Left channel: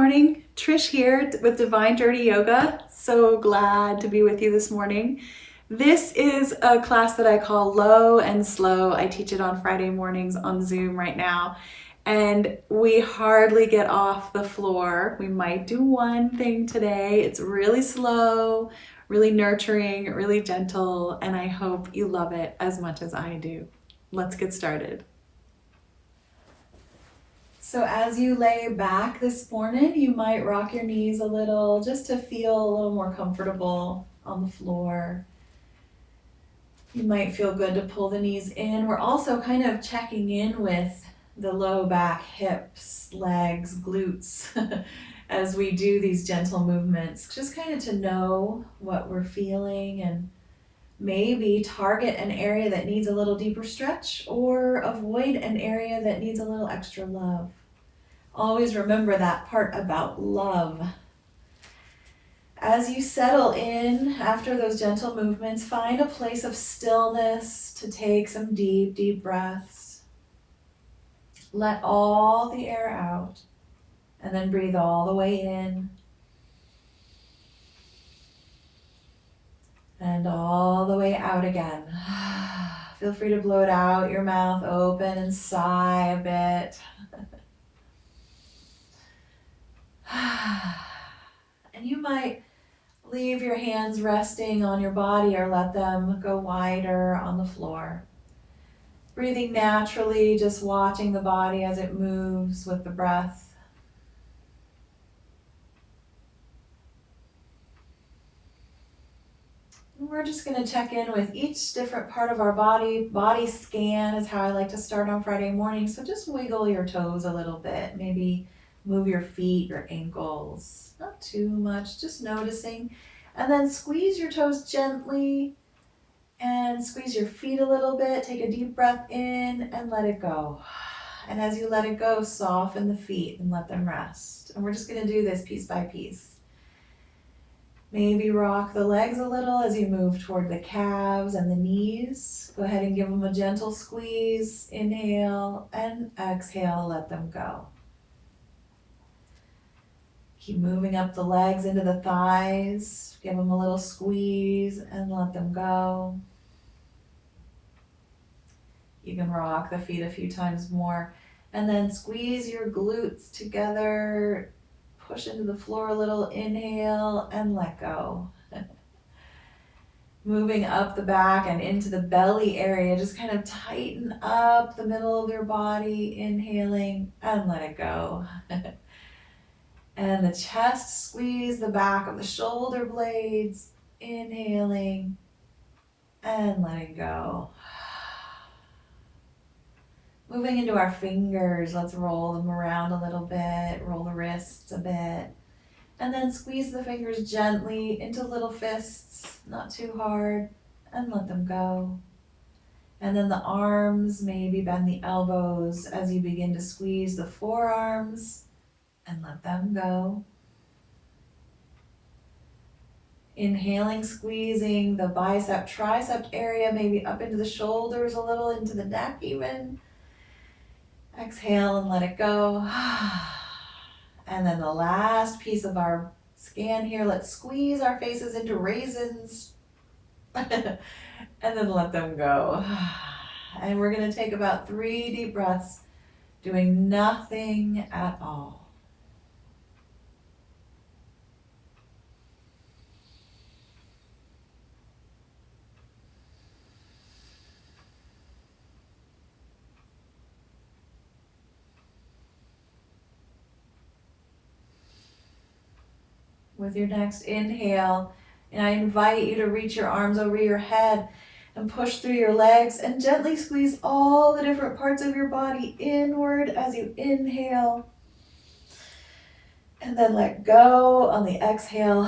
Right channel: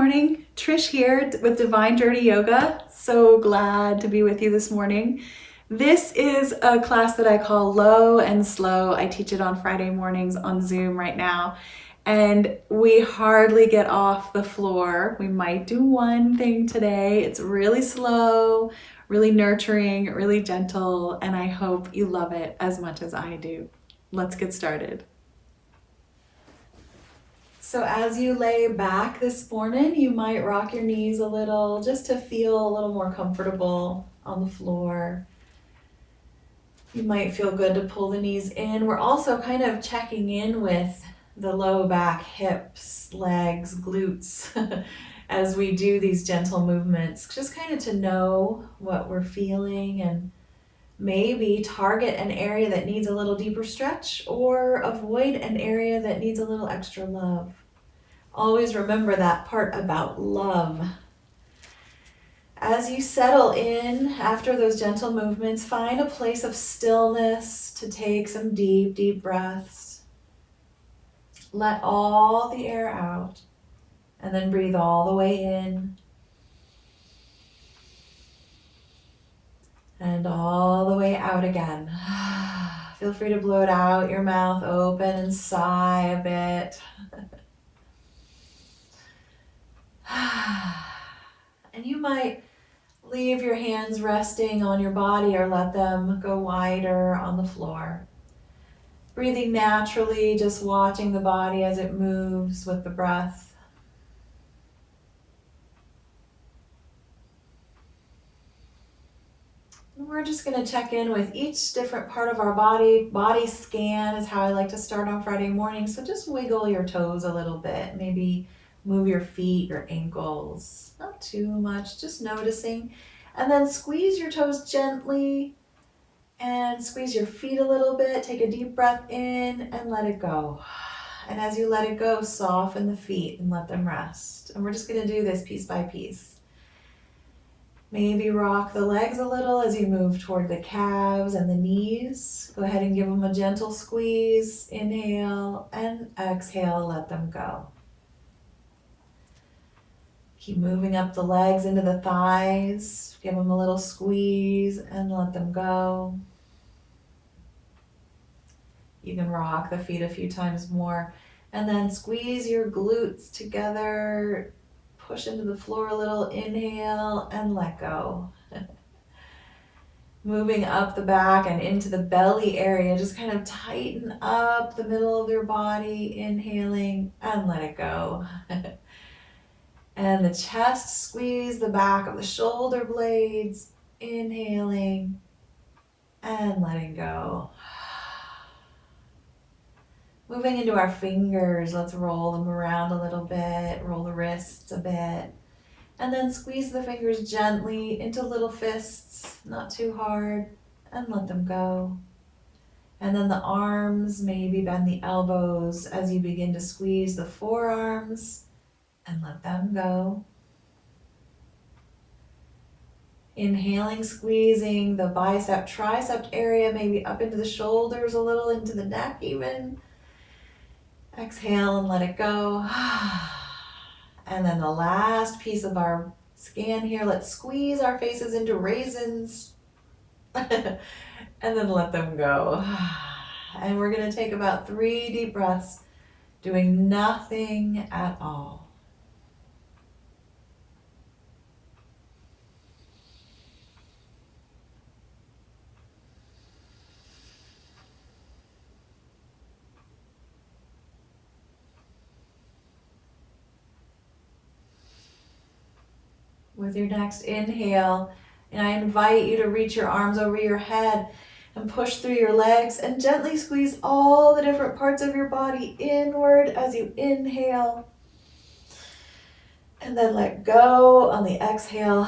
morning. Trish here with Divine Dirty Yoga. So glad to be with you this morning. This is a class that I call Low and Slow. I teach it on Friday mornings on Zoom right now. And we hardly get off the floor. We might do one thing today. It's really slow, really nurturing, really gentle, and I hope you love it as much as I do. Let's get started. So as you lay back this morning, you might rock your knees a little just to feel a little more comfortable on the floor. You might feel good to pull the knees in. We're also kind of checking in with the low back, hips, legs, glutes as we do these gentle movements, just kind of to know what we're feeling and maybe target an area that needs a little deeper stretch or avoid an area that needs a little extra love. Always remember that part about love. As you settle in after those gentle movements, find a place of stillness to take some deep, deep breaths. Let all the air out and then breathe all the way in and all the way out again. Feel free to blow it out, your mouth open and sigh a bit. And you might leave your hands resting on your body or let them go wider on the floor. Breathing naturally, just watching the body as it moves with the breath. And we're just going to check in with each different part of our body. Body scan is how I like to start on Friday morning. So just wiggle your toes a little bit. Maybe move your feet, your ankles. Not too much, just noticing. And then squeeze your toes gently and squeeze your feet a little bit. Take a deep breath in and let it go. And as you let it go, soften the feet and let them rest. And we're just going to do this piece by piece. Maybe rock the legs a little as you move toward the calves and the knees. Go ahead and give them a gentle squeeze. Inhale and exhale, let them go. Keep moving up the legs into the thighs. Give them a little squeeze and let them go. You can rock the feet a few times more. And then squeeze your glutes together. Push into the floor a little. Inhale and let go. Moving up the back and into the belly area. Just kind of tighten up the middle of your body. Inhaling and let it go. And the chest, squeeze the back of the shoulder blades, inhaling and letting go. Moving into our fingers, let's roll them around a little bit, roll the wrists a bit, and then squeeze the fingers gently into little fists, not too hard, and let them go. And then the arms, maybe bend the elbows as you begin to squeeze the forearms, and let them go. Inhaling, squeezing the bicep, tricep area, maybe up into the shoulders a little, into the neck even. Exhale and let it go. And then the last piece of our scan here, let's squeeze our faces into raisins. And then let them go. And we're going to take about 3 deep breaths, doing nothing at all. With your next inhale, and I invite you to reach your arms over your head and push through your legs and gently squeeze all the different parts of your body inward as you inhale. And then let go on the exhale.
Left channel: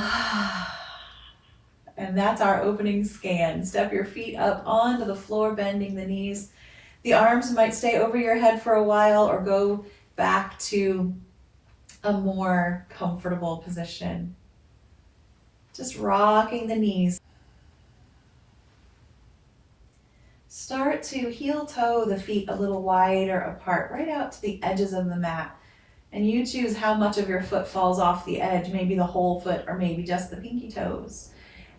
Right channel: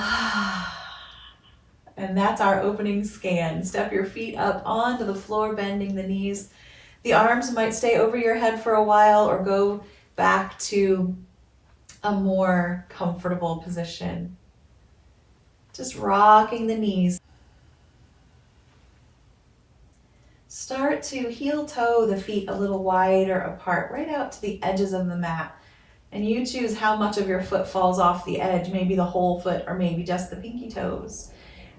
And that's our opening scan. Step your feet up onto the floor, bending the knees. The arms might stay over your head for a while or go back to a more comfortable position. Just rocking the knees. Start to heel toe the feet a little wider apart, right out to the edges of the mat. And you choose how much of your foot falls off the edge, maybe the whole foot or maybe just the pinky toes.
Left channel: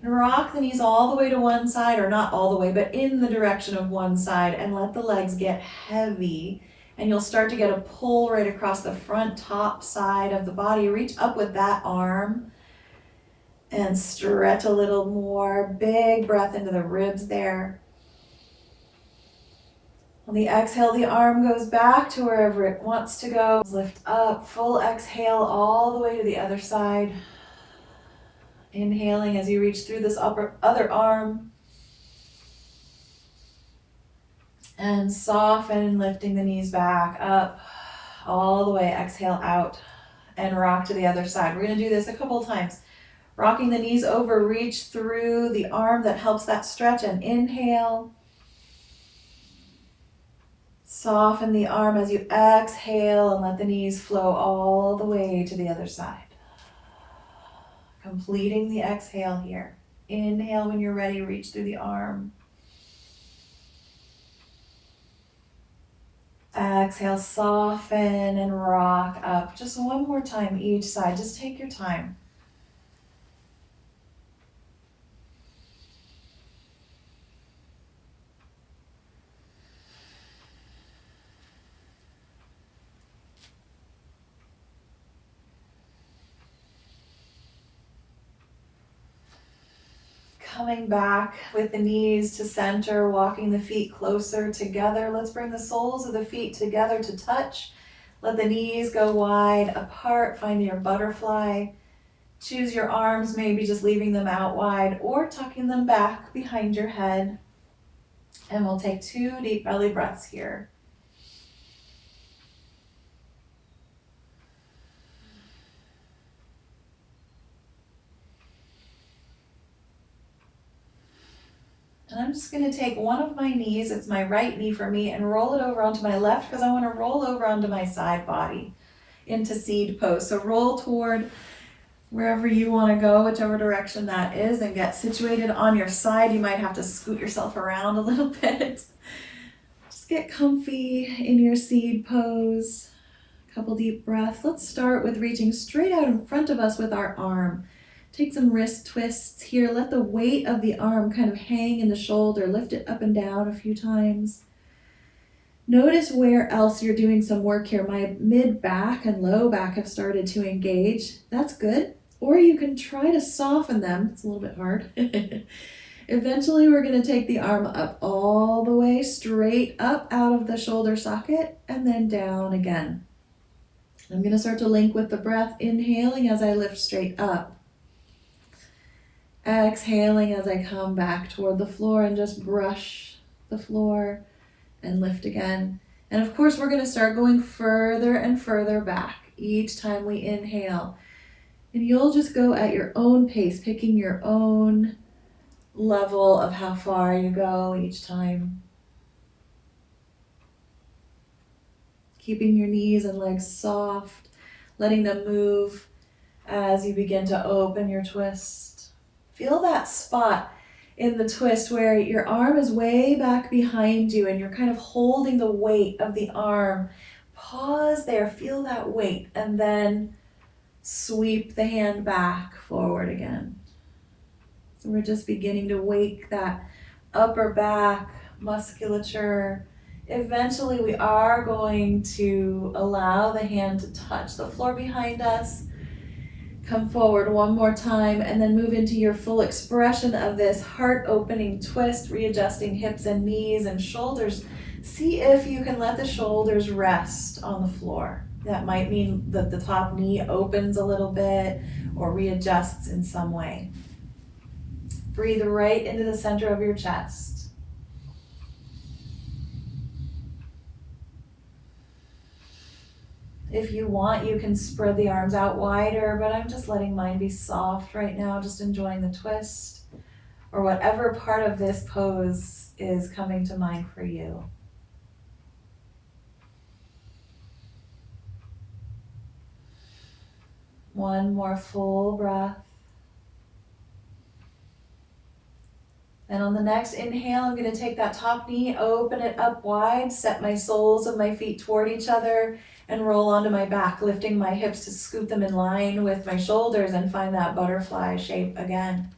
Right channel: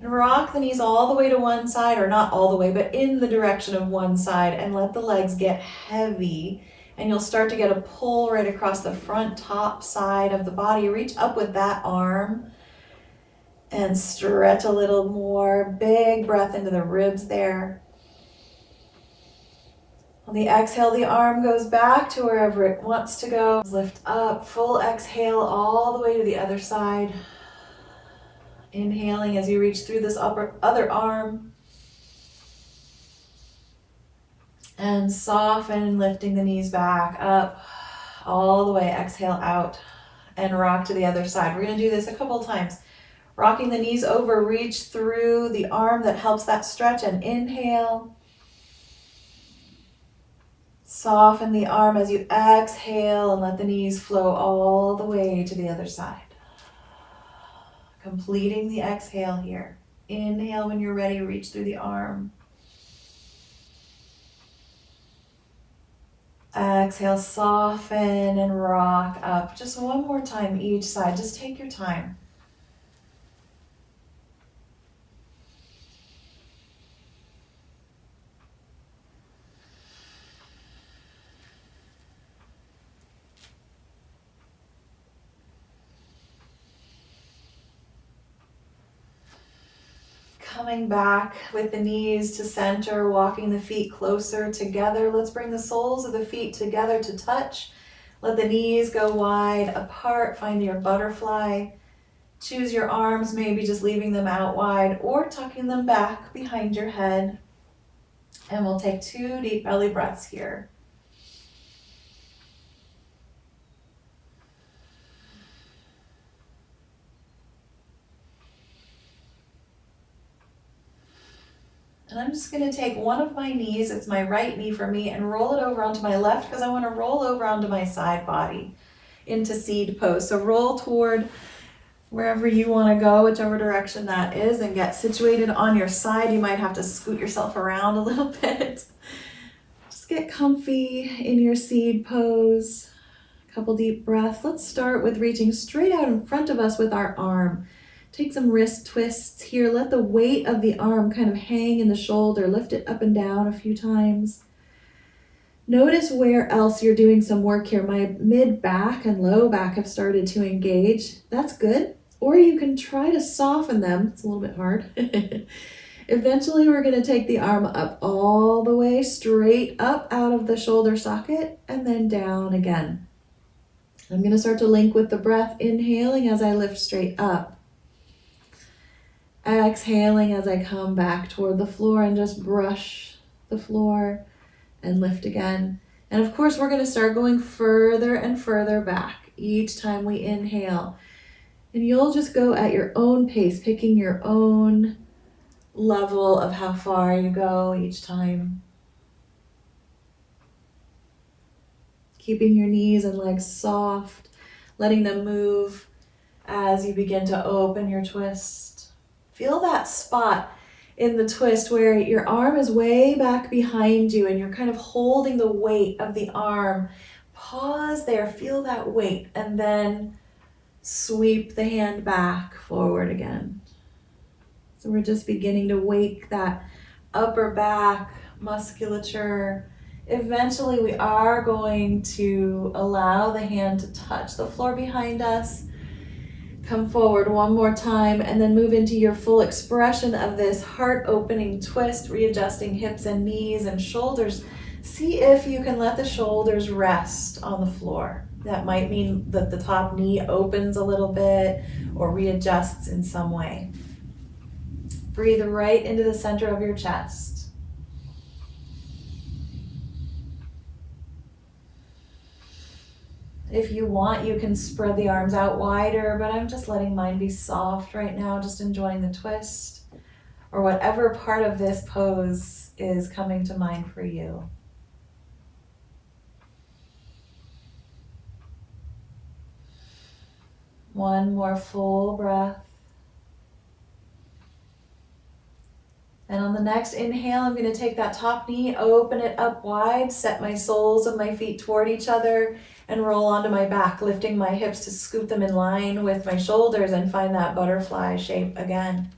And rock the knees all the way to one side, or not all the way, but in the direction of one side, and let the legs get heavy. And you'll start to get a pull right across the front top side of the body. Reach up with that arm and stretch a little more. Big breath into the ribs there. On the exhale, the arm goes back to wherever it wants to go. Lift up, full exhale all the way to the other side. Inhaling as you reach through this other arm. And soften, lifting the knees back up all the way. Exhale out and rock to the other side. We're going to do this a couple times. Rocking the knees over, reach through the arm that helps that stretch, and inhale. Soften the arm as you exhale and let the knees flow all the way to the other side. Completing the exhale here. Inhale when you're ready, reach through the arm. Exhale, soften and rock up. Just one more time each side. Just take your time. Coming back with the knees to center, walking the feet closer together. Let's bring the soles of the feet together to touch. Let the knees go wide apart. Find your butterfly. Choose your arms, maybe just leaving them out wide or tucking them back behind your head. And we'll take 2 deep belly breaths here. And I'm just going to take one of my knees, it's my right knee for me, and roll it over onto my left because I want to roll over onto my side body into seed pose. So roll toward wherever you want to go, whichever direction that is, and get situated on your side. You might have to scoot yourself around a little bit. Just get comfy in your seed pose. A couple deep breaths. Let's start with reaching straight out in front of us with our arm. Take some wrist twists here. Let the weight of the arm kind of hang in the shoulder. Lift it up and down a few times. Notice where else you're doing some work here. My mid back and low back have started to engage. That's good. Or you can try to soften them. It's a little bit hard. Eventually, we're going to take the arm up all the way, straight up out of the shoulder socket, and then down again. I'm going to start to link with the breath, inhaling as I lift straight up. Exhaling as I come back toward the floor and just brush the floor and lift again. And of course, we're going to start going further and further back each time we inhale. And you'll just go at your own pace, picking your own level of how far you go each time. Keeping your knees and legs soft, letting them move as you begin to open your twist. Feel that spot in the twist where your arm is way back behind you and you're kind of holding the weight of the arm. Pause there, feel that weight, and then sweep the hand back forward again. So we're just beginning to wake that upper back musculature. Eventually we are going to allow the hand to touch the floor behind us. Come forward one more time and then move into your full expression of this heart-opening twist, readjusting hips and knees and shoulders. See if you can let the shoulders rest on the floor. That might mean that the top knee opens a little bit or readjusts in some way. Breathe right into the center of your chest. If you want, you can spread the arms out wider, but I'm just letting mine be soft right now, just enjoying the twist or whatever part of this pose is coming to mind for you. One more full breath. And on the next inhale, I'm going to take that top knee, open it up wide, set my soles of my feet toward each other, and roll onto my back, lifting my hips to scoot them in line with my shoulders and find that butterfly shape again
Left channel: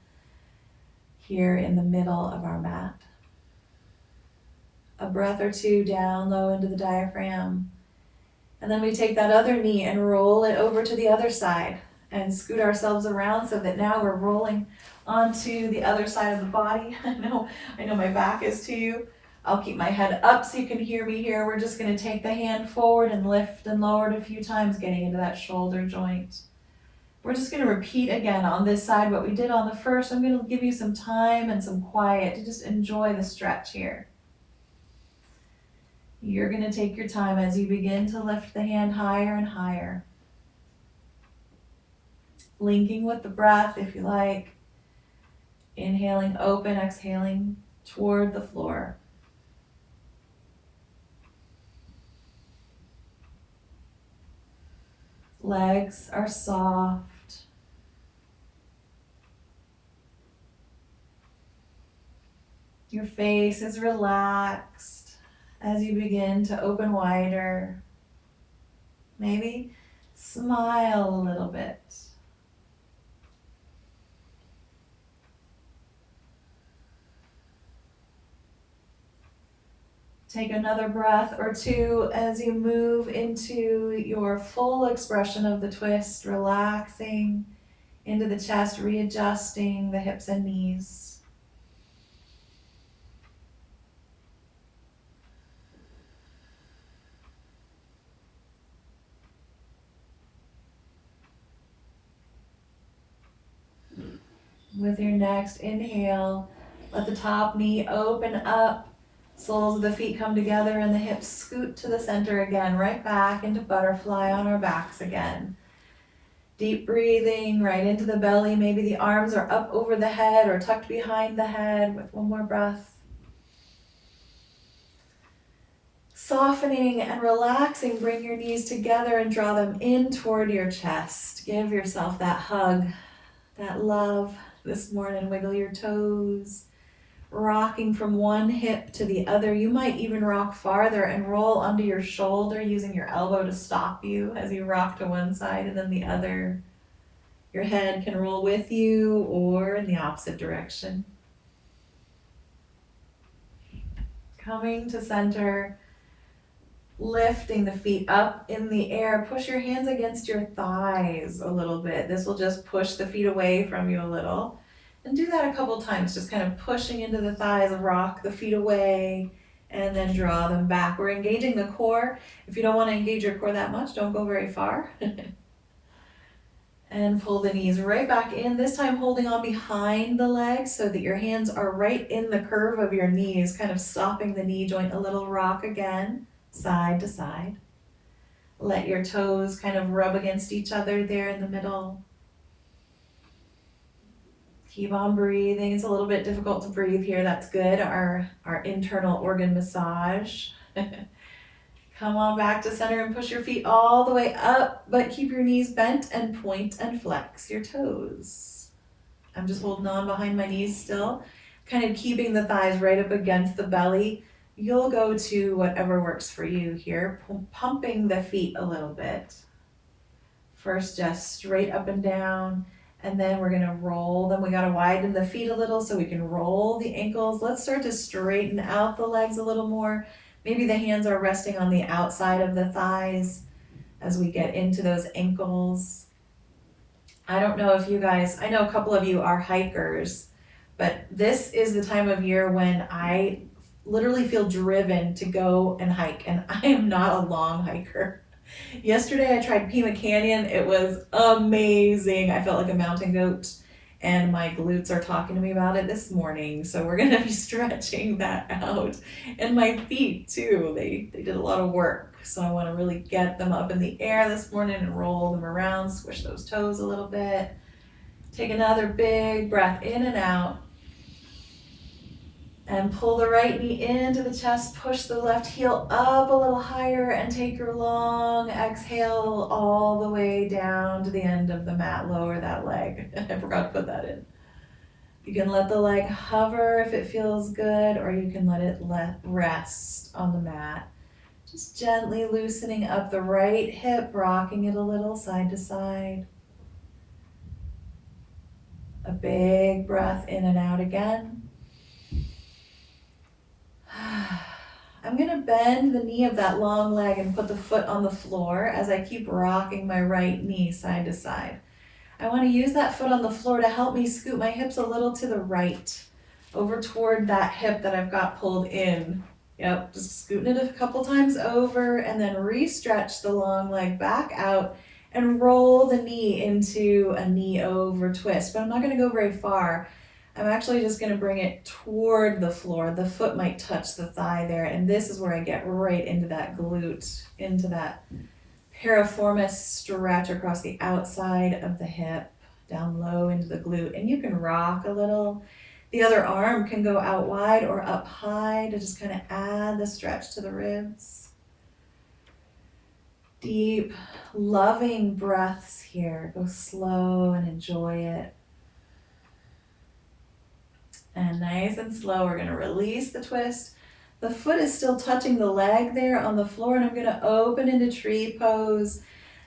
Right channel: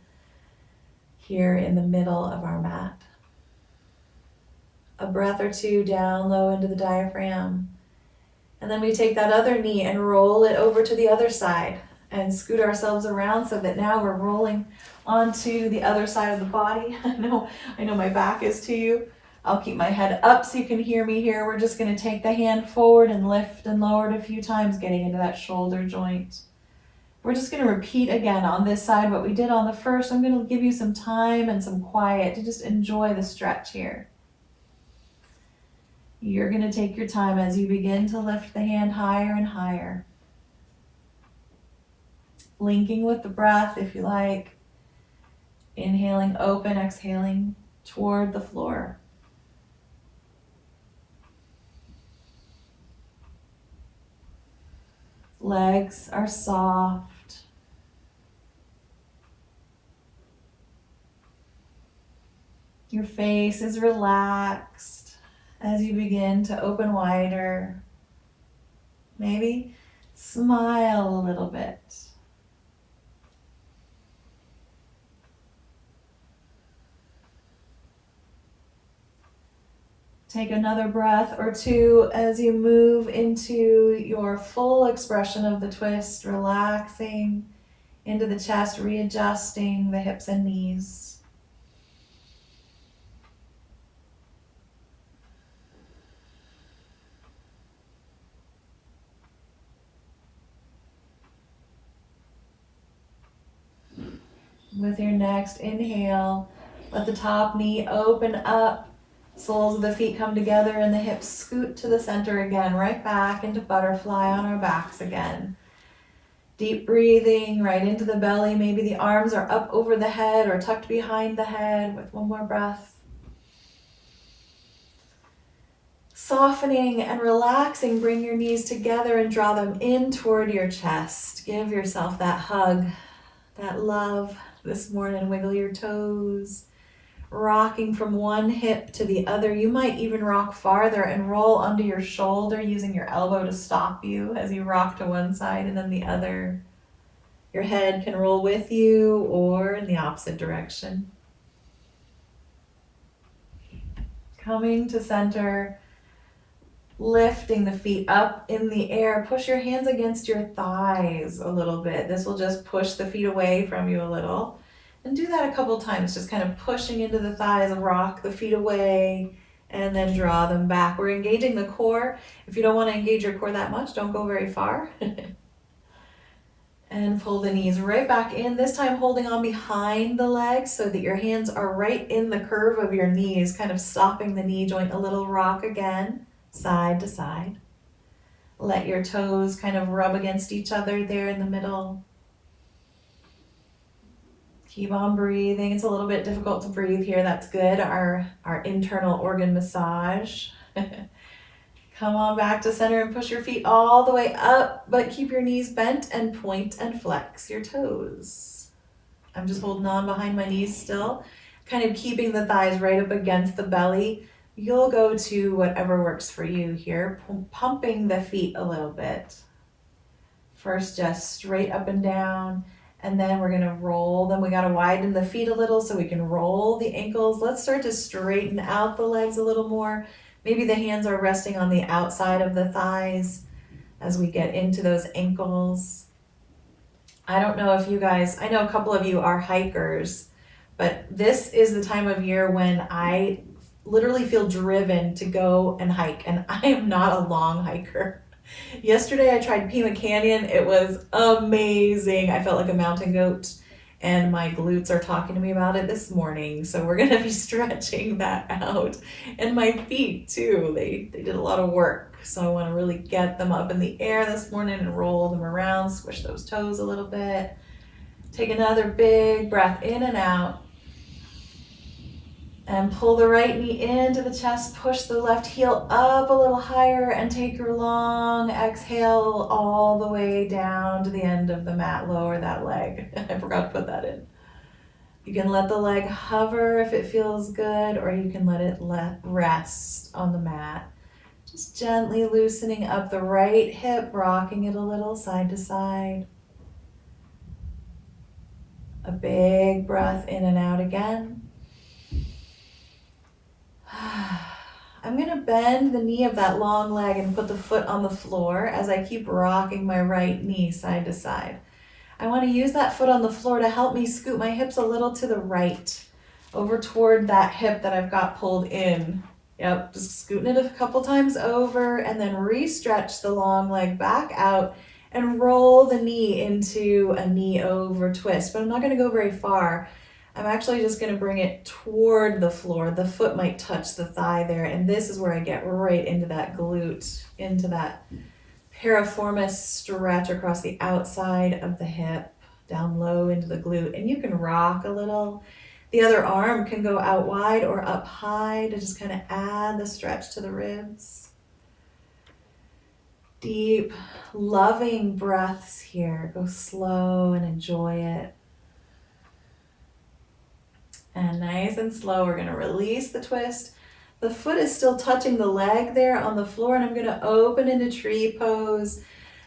here in the middle of our mat. A breath or two down low into the diaphragm. And then we take that other knee and roll it over to the other side and scoot ourselves around so that now we're rolling onto the other side of the body. I know my back is to you. I'll keep my head up so you can hear me here. We're just going to take the hand forward and lift and lower it a few times, getting into that shoulder joint. We're just going to repeat again on this side what we did on the first. I'm going to give you some time and some quiet to just enjoy the stretch here. You're going to take your time as you begin to lift the hand higher and higher. Linking with the breath if you like. Inhaling open, exhaling toward the floor. Legs are soft. Your face is relaxed as you begin to open wider. Maybe smile a little bit. Take another breath or two as you move into your full expression of the twist, relaxing into the chest, readjusting the hips and knees. With your next inhale, let the top knee open up. Soles of the feet come together and the hips scoot to the center again, right back into butterfly on our backs again. Deep breathing right into the belly. Maybe the arms are up over the head or tucked behind the head with one more breath. Softening and relaxing, bring your knees together and draw them in toward your chest. Give yourself that hug, that love this morning. Wiggle your toes. Rocking from one hip to the other. You might even rock farther and roll under your shoulder, using your elbow to stop you as you rock to one side and then the other. Your head can roll with you or in the opposite direction. Coming to center, lifting the feet up in the air. Push your hands against your thighs a little bit. This will just push the feet away from you a little. And do that a couple times, just kind of pushing into the thighs, rock the feet away, and then draw them back. We're engaging the core. If you don't want to engage your core that much, don't go very far. And pull the knees right back in, this time holding on behind the legs so that your hands are right in the curve of your knees, kind of stopping the knee joint. A little rock again, side to side. Let your toes kind of rub against each other there in the middle. Keep on breathing. It's a little bit difficult to breathe here. That's good. Our internal organ massage. Come on back to center and push your feet all the way up, but keep your knees bent and point and flex your toes. I'm just holding on behind my knees still, kind of keeping the thighs right up against the belly. You'll go to whatever works for you here, pumping the feet a little bit. First, just straight up and down. And then we're gonna roll them. We gotta widen the feet a little so we can roll the ankles. Let's start to straighten out the legs a little more. Maybe the hands are resting on the outside of the thighs as we get into those ankles. I don't know if you guys, I know a couple of you are hikers, but this is the time of year when I literally feel driven to go and hike, and I am not a long hiker. Yesterday I tried Pima Canyon. It was amazing. I felt like a mountain goat, and my glutes are talking to me about it this morning. So we're going to be stretching that out. And my feet too, they did a lot of work. So I want to really get them up in the air this morning and roll them around, squish those toes a little bit. Take another big breath in and out. And pull the right knee into the chest, push the left heel up a little higher, and take your long exhale all the way down to the end of the mat. Lower that leg. I forgot to put that in. You can let the leg hover if it feels good, or you can let it rest on the mat. Just gently loosening up the right hip, rocking it a little side to side. A big breath in and out again. I'm going to bend the knee of that long leg and put the foot on the floor as I keep rocking my right knee side to side. I want to use that foot on the floor to help me scoot my hips a little to the right, over toward that hip that I've got pulled in. Yep, just scooting it a couple times over and then re-stretch the long leg back out and roll the knee into a knee over twist. But I'm not going to go very far. I'm actually just going to bring it toward the floor. The foot might touch the thigh there, and this is where I get right into that glute, into that piriformis stretch across the outside of the hip, down low into the glute. And you can rock a little. The other arm can go out wide or up high to just kind of add the stretch to the ribs. Deep, loving breaths here. Go slow and enjoy it. And nice and slow, we're going to release the twist. The foot is still touching the leg there on the floor, and I'm going to open into tree pose.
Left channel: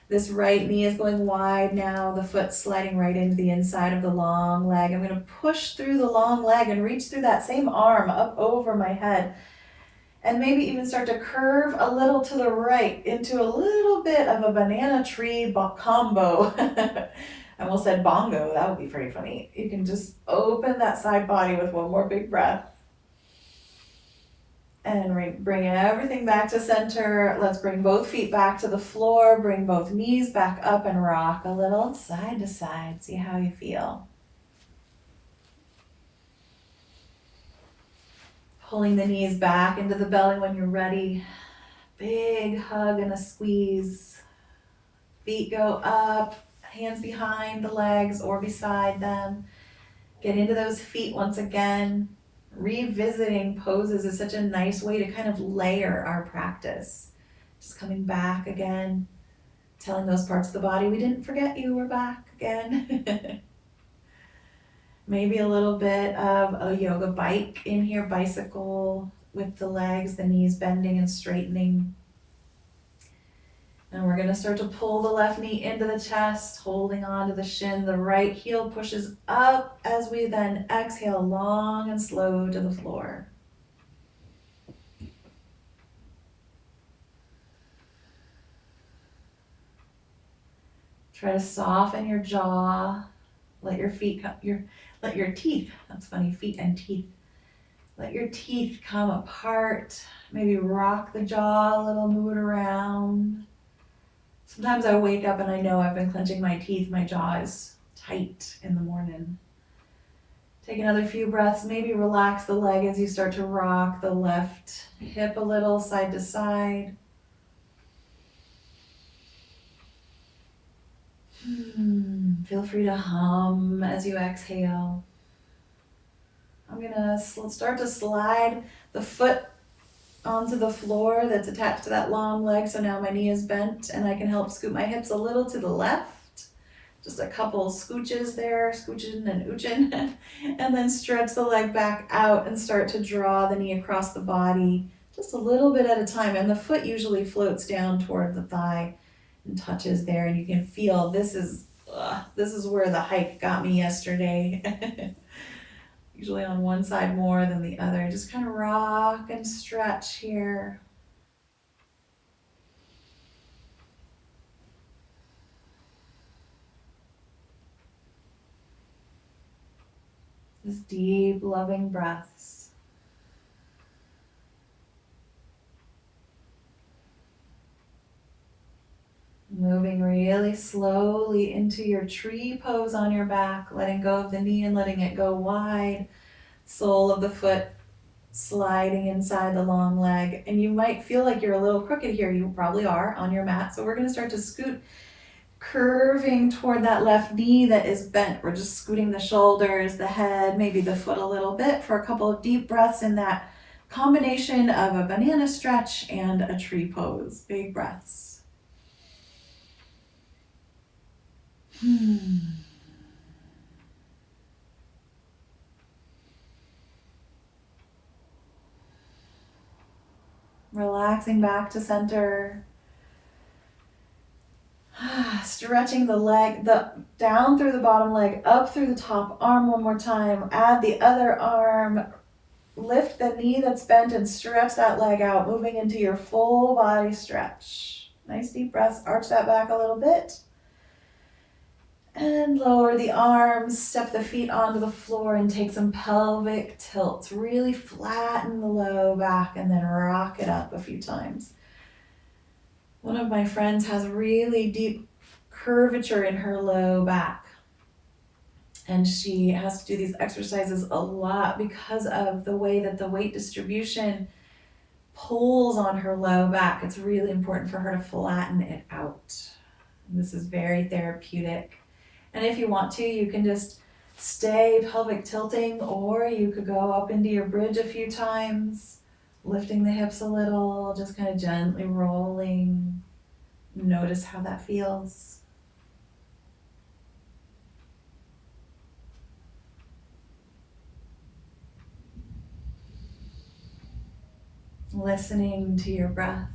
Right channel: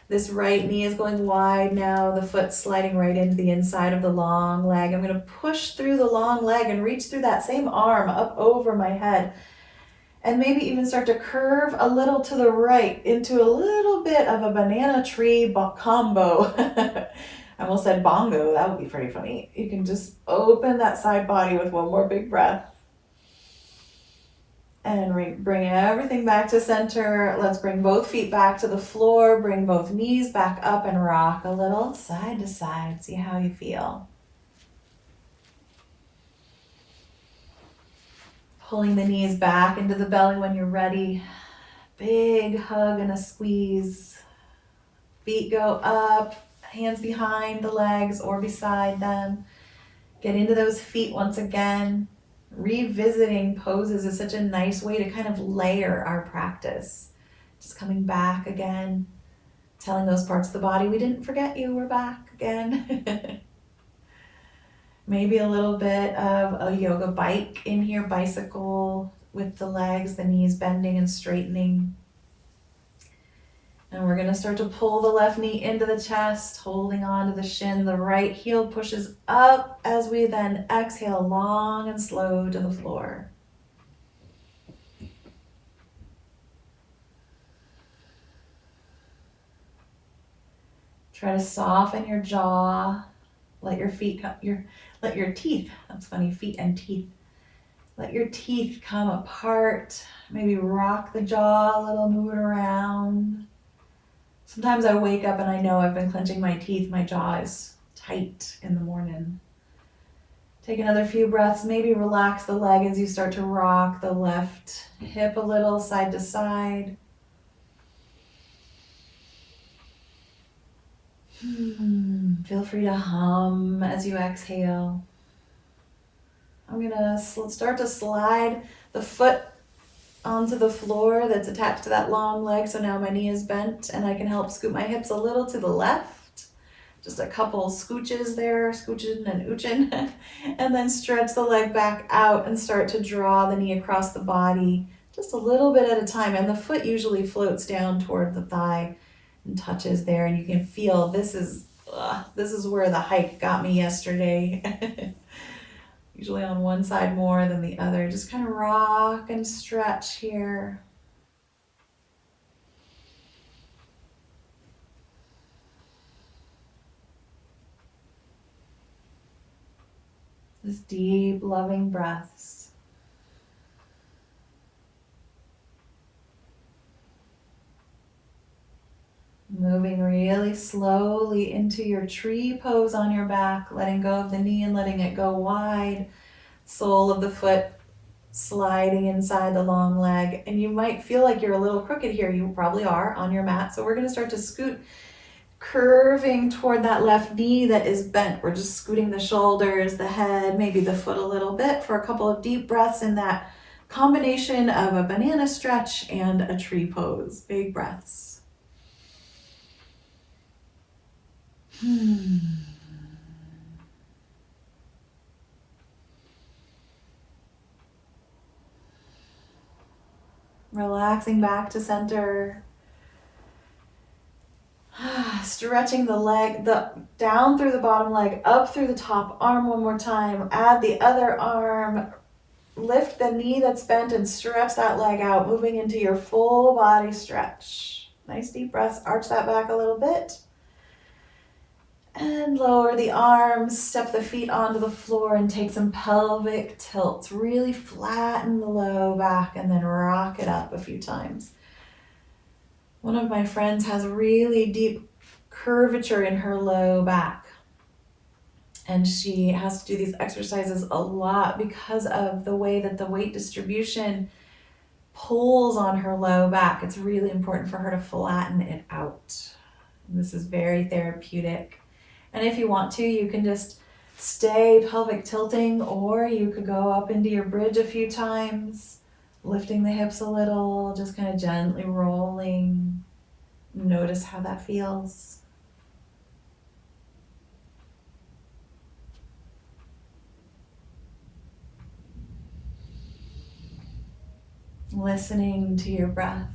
This right knee is going wide now. The foot's sliding right into the inside of the long leg. I'm going to push through the long leg and reach through that same arm up over my head. And maybe even start to curve a little to the right into a little bit of a banana tree combo. I almost said bongo. That would be pretty funny. You can just open that side body with one more big breath. And bring everything back to center. Let's bring both feet back to the floor. Bring both knees back up and rock a little side to side. See how you feel. Pulling the knees back into the belly when you're ready. Big hug and a squeeze. Feet go up, hands behind the legs or beside them. Get into those feet once again. Revisiting poses is such a nice way to kind of layer our practice. Just coming back again, telling those parts of the body, we didn't forget you, we're back again. Maybe a little bit of a yoga bike in here, bicycle with the legs, the knees bending and straightening. And we're going to start to pull the left knee into the chest, holding on to the shin. The right heel pushes up as we then exhale long and slow to the floor. Try to soften your jaw. Let your feet let your teeth, that's funny, feet and teeth. Let your teeth come apart. Maybe rock the jaw a little, move it around. Sometimes I wake up and I know I've been clenching my teeth. My jaw is tight in the morning. Take another few breaths. Maybe relax the leg as you start to rock the left hip a little side to side. Feel free to hum as you exhale. I'm going to start to slide the foot onto the floor that's attached to that long leg. So now my knee is bent and I can help scoot my hips a little to the left. Just a couple scooches there, scooching and ooching. And then stretch the leg back out and start to draw the knee across the body just a little bit at a time. And the foot usually floats down toward the thigh and touches there. And you can feel this is where the hike got me yesterday. Usually on one side more than the other. Just kind of rock and stretch here. Just deep, loving breaths. Moving really slowly into your tree pose on your back, letting go of the knee and letting it go wide. Sole of the foot sliding inside the long leg. And you might feel like you're a little crooked here. You probably are on your mat. So we're going to start to scoot, curving toward that left knee that is bent. We're just scooting the shoulders, the head, maybe the foot a little bit for a couple of deep breaths in that combination of a banana stretch and a tree pose. Big breaths. Relaxing back to center. Stretching the leg, down through the bottom leg, up through the top arm one more time. Add the other arm. Lift the knee that's bent and stretch that leg out, moving into your full body stretch. Nice deep breaths. Arch that back a little bit. And lower the arms, step the feet onto the floor and take some pelvic tilts. Really flatten the low back and then rock it up a few times. One of my friends has really deep curvature in her low back. And she has to do these exercises a lot because of the way that the weight distribution pulls on her low back. It's really important for her to flatten it out. And this is very therapeutic. And if you want to, you can just stay pelvic tilting, or you could go up into your bridge a few times, lifting the hips a little, just kind of gently rolling. Notice how that feels. Listening to your breath.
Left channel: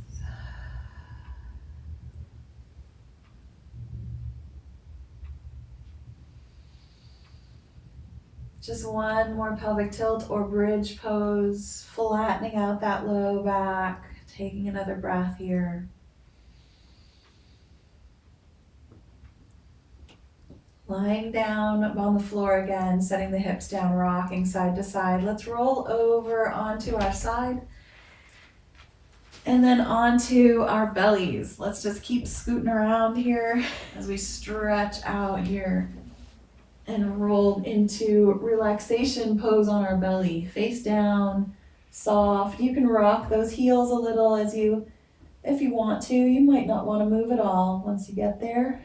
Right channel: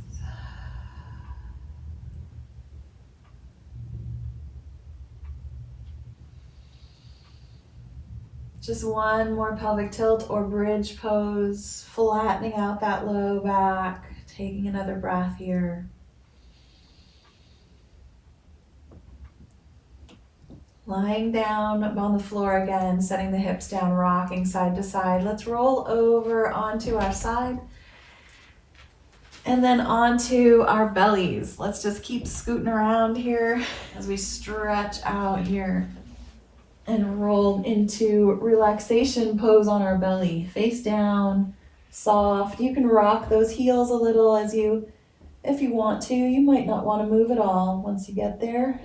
Just one more pelvic tilt or bridge pose, flattening out that low back, taking another breath here. Lying down on the floor again, setting the hips down, rocking side to side. Let's roll over onto our side and then onto our bellies. Let's just keep scooting around here as we stretch out here and roll into relaxation pose on our belly. Face down, soft. You can rock those heels a little if you want to. You might not want to move at all once you get there.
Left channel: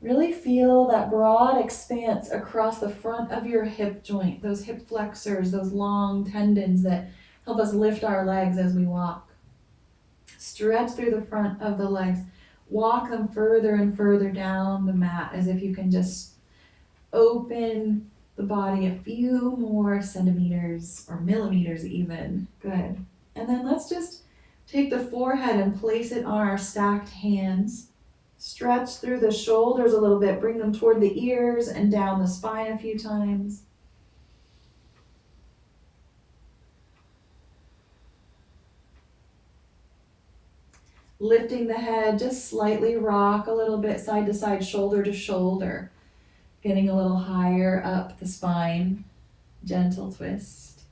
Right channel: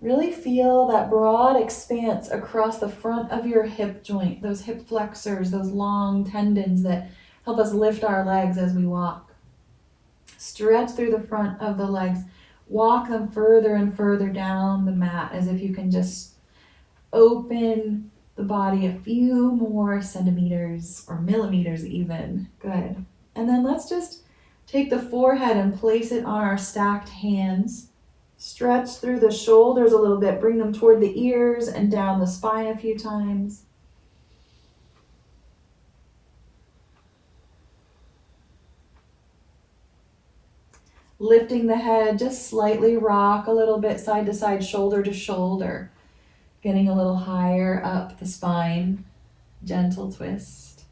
Really feel that broad expanse across the front of your hip joint, those hip flexors, those long tendons that help us lift our legs as we walk. Stretch through the front of the legs. Walk them further and further down the mat as if you can just open the body a few more centimeters or millimeters even. Good. And then let's just take the forehead and place it on our stacked hands. Stretch through the shoulders a little bit. Bring them toward the ears and down the spine a few times. Lifting the head, just slightly rock a little bit side to side, shoulder to shoulder. Getting a little higher up the spine. Gentle twist.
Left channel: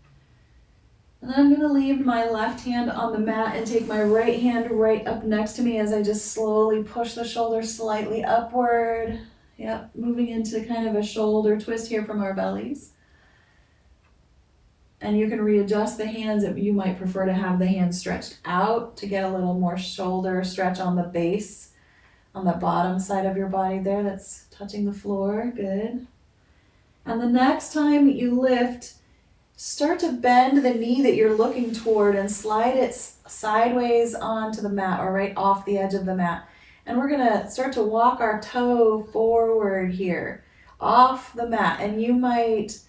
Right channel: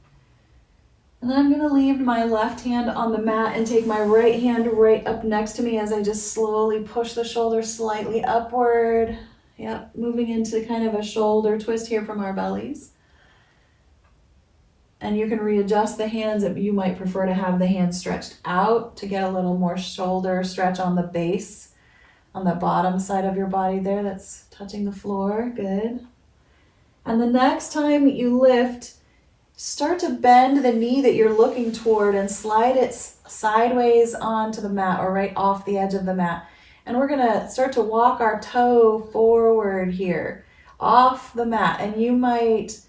And then I'm going to leave my left hand on the mat and take my right hand right up next to me as I just slowly push the shoulders slightly upward. Yep, moving into kind of a shoulder twist here from our bellies. And you can readjust the hands if you might prefer to have the hands stretched out to get a little more shoulder stretch on the base, on the bottom side of your body there that's touching the floor. Good. And the next time you lift, start to bend the knee that you're looking toward and slide it sideways onto the mat or right off the edge of the mat. And we're going to start to walk our toe forward here off the mat. And you might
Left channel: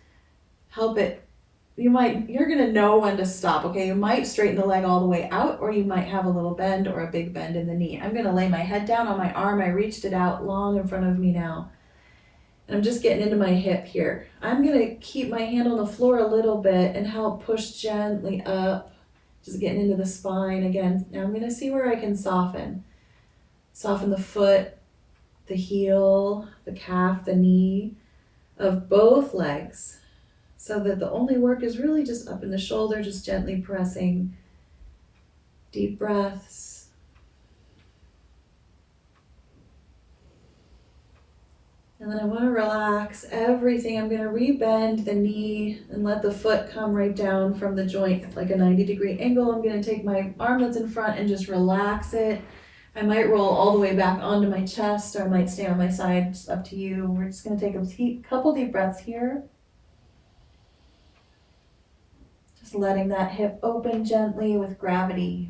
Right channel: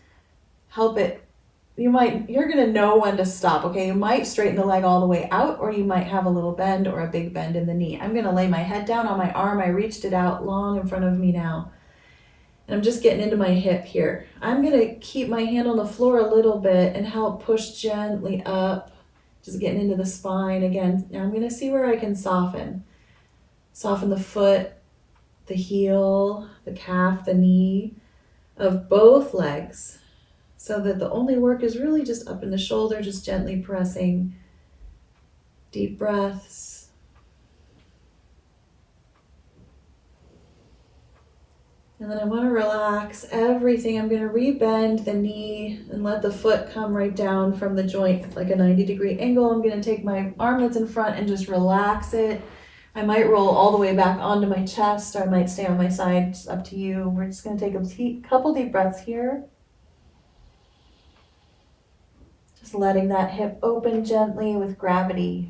help it. You're going to know when to stop, okay? You might straighten the leg all the way out, or you might have a little bend or a big bend in the knee. I'm going to lay my head down on my arm. I reached it out long in front of me now. And I'm just getting into my hip here. I'm going to keep my hand on the floor a little bit and help push gently up, just getting into the spine again. Now I'm going to see where I can soften. Soften the foot, the heel, the calf, the knee of both legs, so that the only work is really just up in the shoulder, just gently pressing. Deep breaths. And then I want to relax everything. I'm going to rebend the knee and let the foot come right down from the joint like a 90-degree angle. I'm going to take my arm that's in front and just relax it. I might roll all the way back onto my chest, or I might stay on my side. It's up to you. We're just going to take a couple deep breaths here. Just letting that hip open gently with gravity.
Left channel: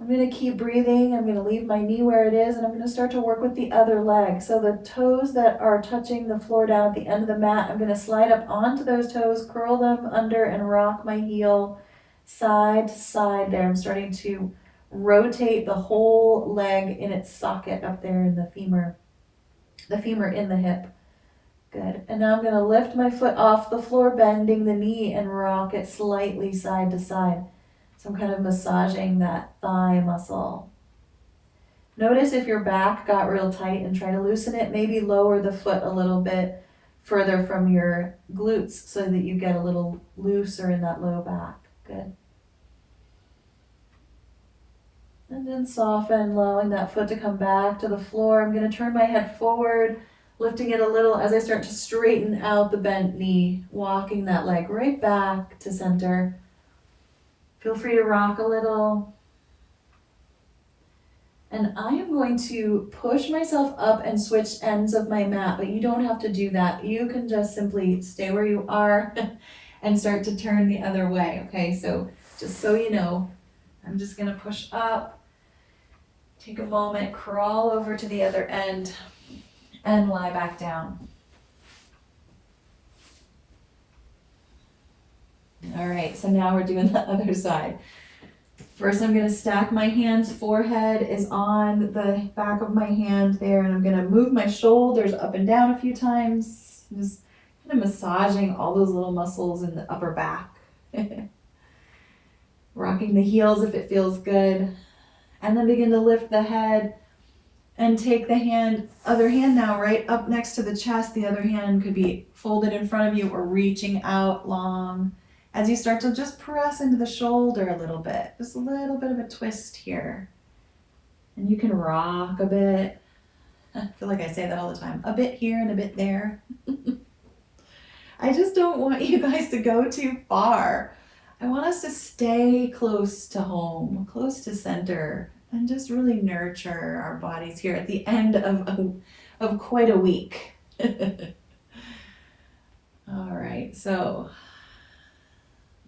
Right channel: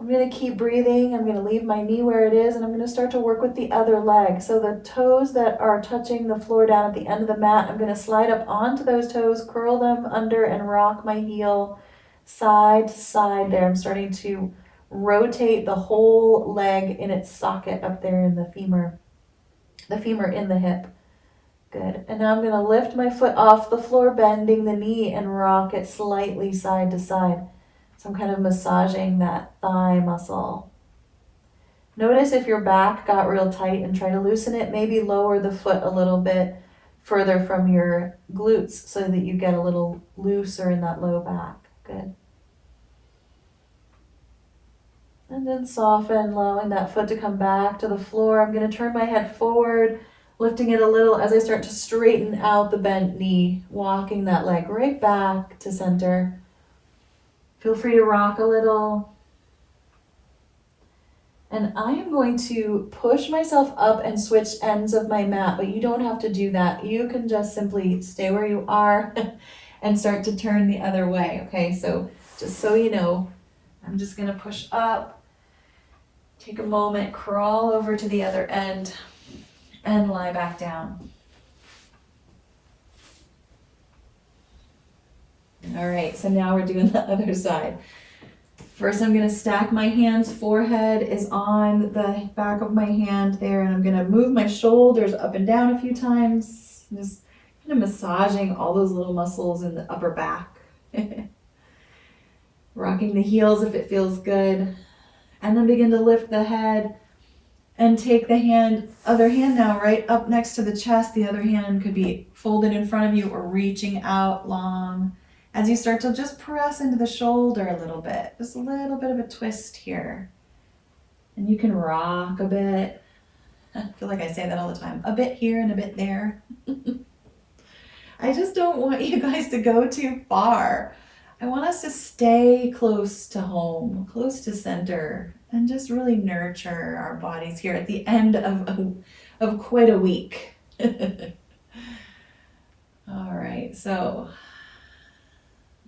And I'm going to keep breathing. I'm going to leave my knee where it is, and I'm going to start to work with the other leg. So the toes that are touching the floor down at the end of the mat, I'm going to slide up onto those toes, curl them under, and rock my heel side to side there. I'm starting to rotate the whole leg in its socket up there in the femur in the hip. Good. And now I'm going to lift my foot off the floor, bending the knee, and rock it slightly side to side. So I'm kind of massaging that thigh muscle. Notice if your back got real tight and try to loosen it. Maybe lower the foot a little bit further from your glutes so that you get a little looser in that low back. Good. And then soften, allowing that foot to come back to the floor. I'm going to turn my head forward, lifting it a little as I start to straighten out the bent knee, walking that leg right back to center. Feel free to rock a little. And I am going to push myself up and switch ends of my mat, but you don't have to do that. You can just simply stay where you are and start to turn the other way. Okay, so just so you know, I'm just going to push up, take a moment, crawl over to the other end, and lie back down. All right, so now we're doing the other side. First, I'm going to stack my hands. Forehead is on the back of my hand there, and I'm going to move my shoulders up and down a few times. Just kind of massaging all those little muscles in the upper back. Rocking the heels if it feels good. And then begin to lift the head and take the other hand now right up next to the chest. The other hand could be folded in front of you or reaching out long. As you start to just press into the shoulder a little bit, just a little bit of a twist here. And you can rock a bit. I feel like I say that all the time. A bit here and a bit there. I just don't want you guys to go too far. I want us to stay close to home, close to center, and just really nurture our bodies here at the end of quite a week. All right, so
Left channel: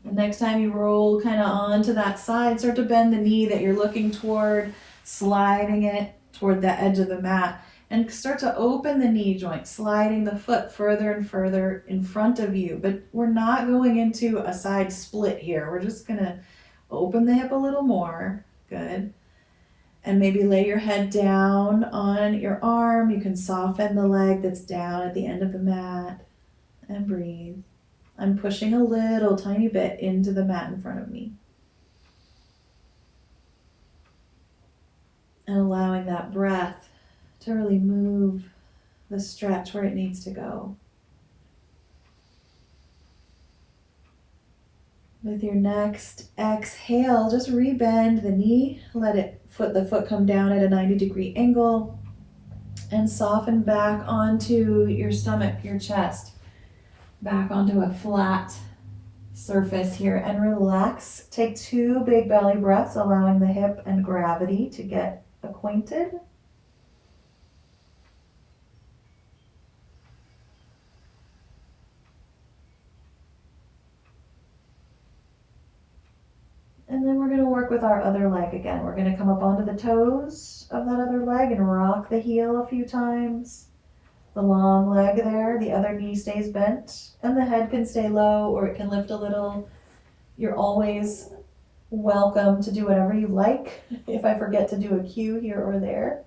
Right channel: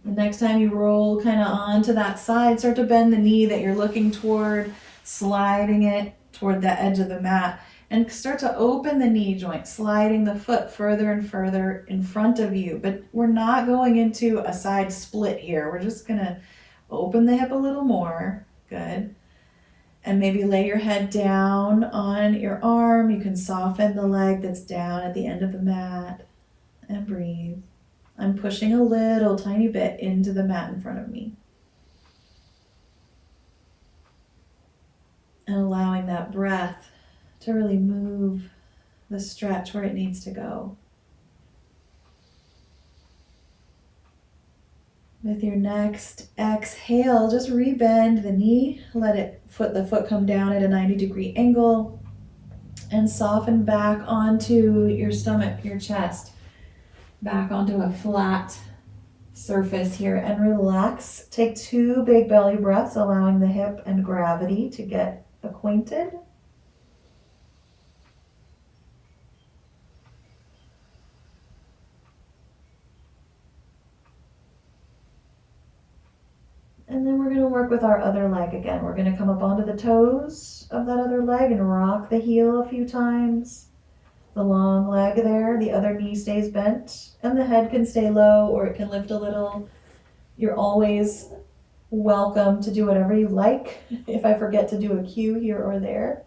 the next time you roll kind of onto that side, start to bend the knee that you're looking toward, sliding it toward the edge of the mat, and start to open the knee joint, sliding the foot further and further in front of you. But we're not going into a side split here. We're just going to open the hip a little more. Good. And maybe lay your head down on your arm. You can soften the leg that's down at the end of the mat and breathe. I'm pushing a little tiny bit into the mat in front of me. And allowing that breath to really move the stretch where it needs to go. With your next exhale, just rebend the knee, let the foot come down at a 90-degree angle, and soften back onto your stomach, your chest, back onto a flat surface here, and relax. Take 2 big belly breaths, allowing the hip and gravity to get acquainted. And then we're going to work with our other leg again. We're going to come up onto the toes of that other leg and rock the heel a few times. The long leg there, the other knee stays bent, and the head can stay low or it can lift a little. You're always welcome to do whatever you like. If I forget to do a cue here or there,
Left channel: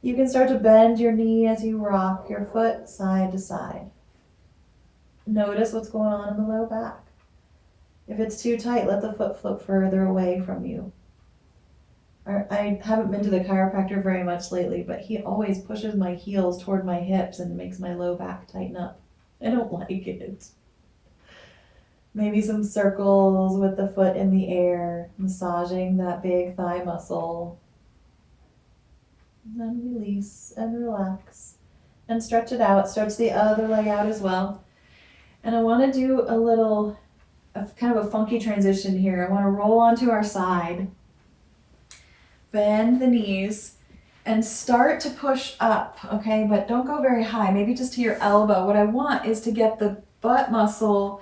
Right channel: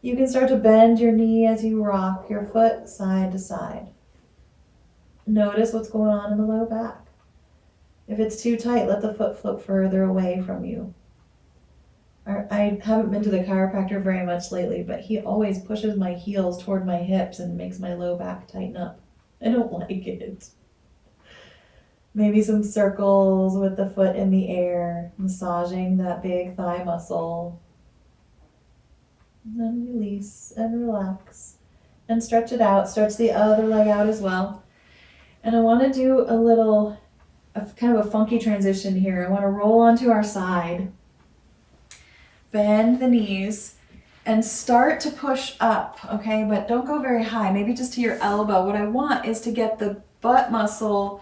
you can start to bend your knee as you rock your foot side to side. Notice what's going on in the low back. If it's too tight, let the foot float further away from you. I haven't been to the chiropractor very much lately, but he always pushes my heels toward my hips and makes my low back tighten up. I don't like it. Maybe some circles with the foot in the air, massaging that big thigh muscle. And then release and relax. And stretch it out. Stretch the other leg out as well. And I want to do kind of a funky transition here. I want to roll onto our side, bend the knees, and start to push up, okay? But don't go very high, maybe just to your elbow. What I want is to get the butt muscle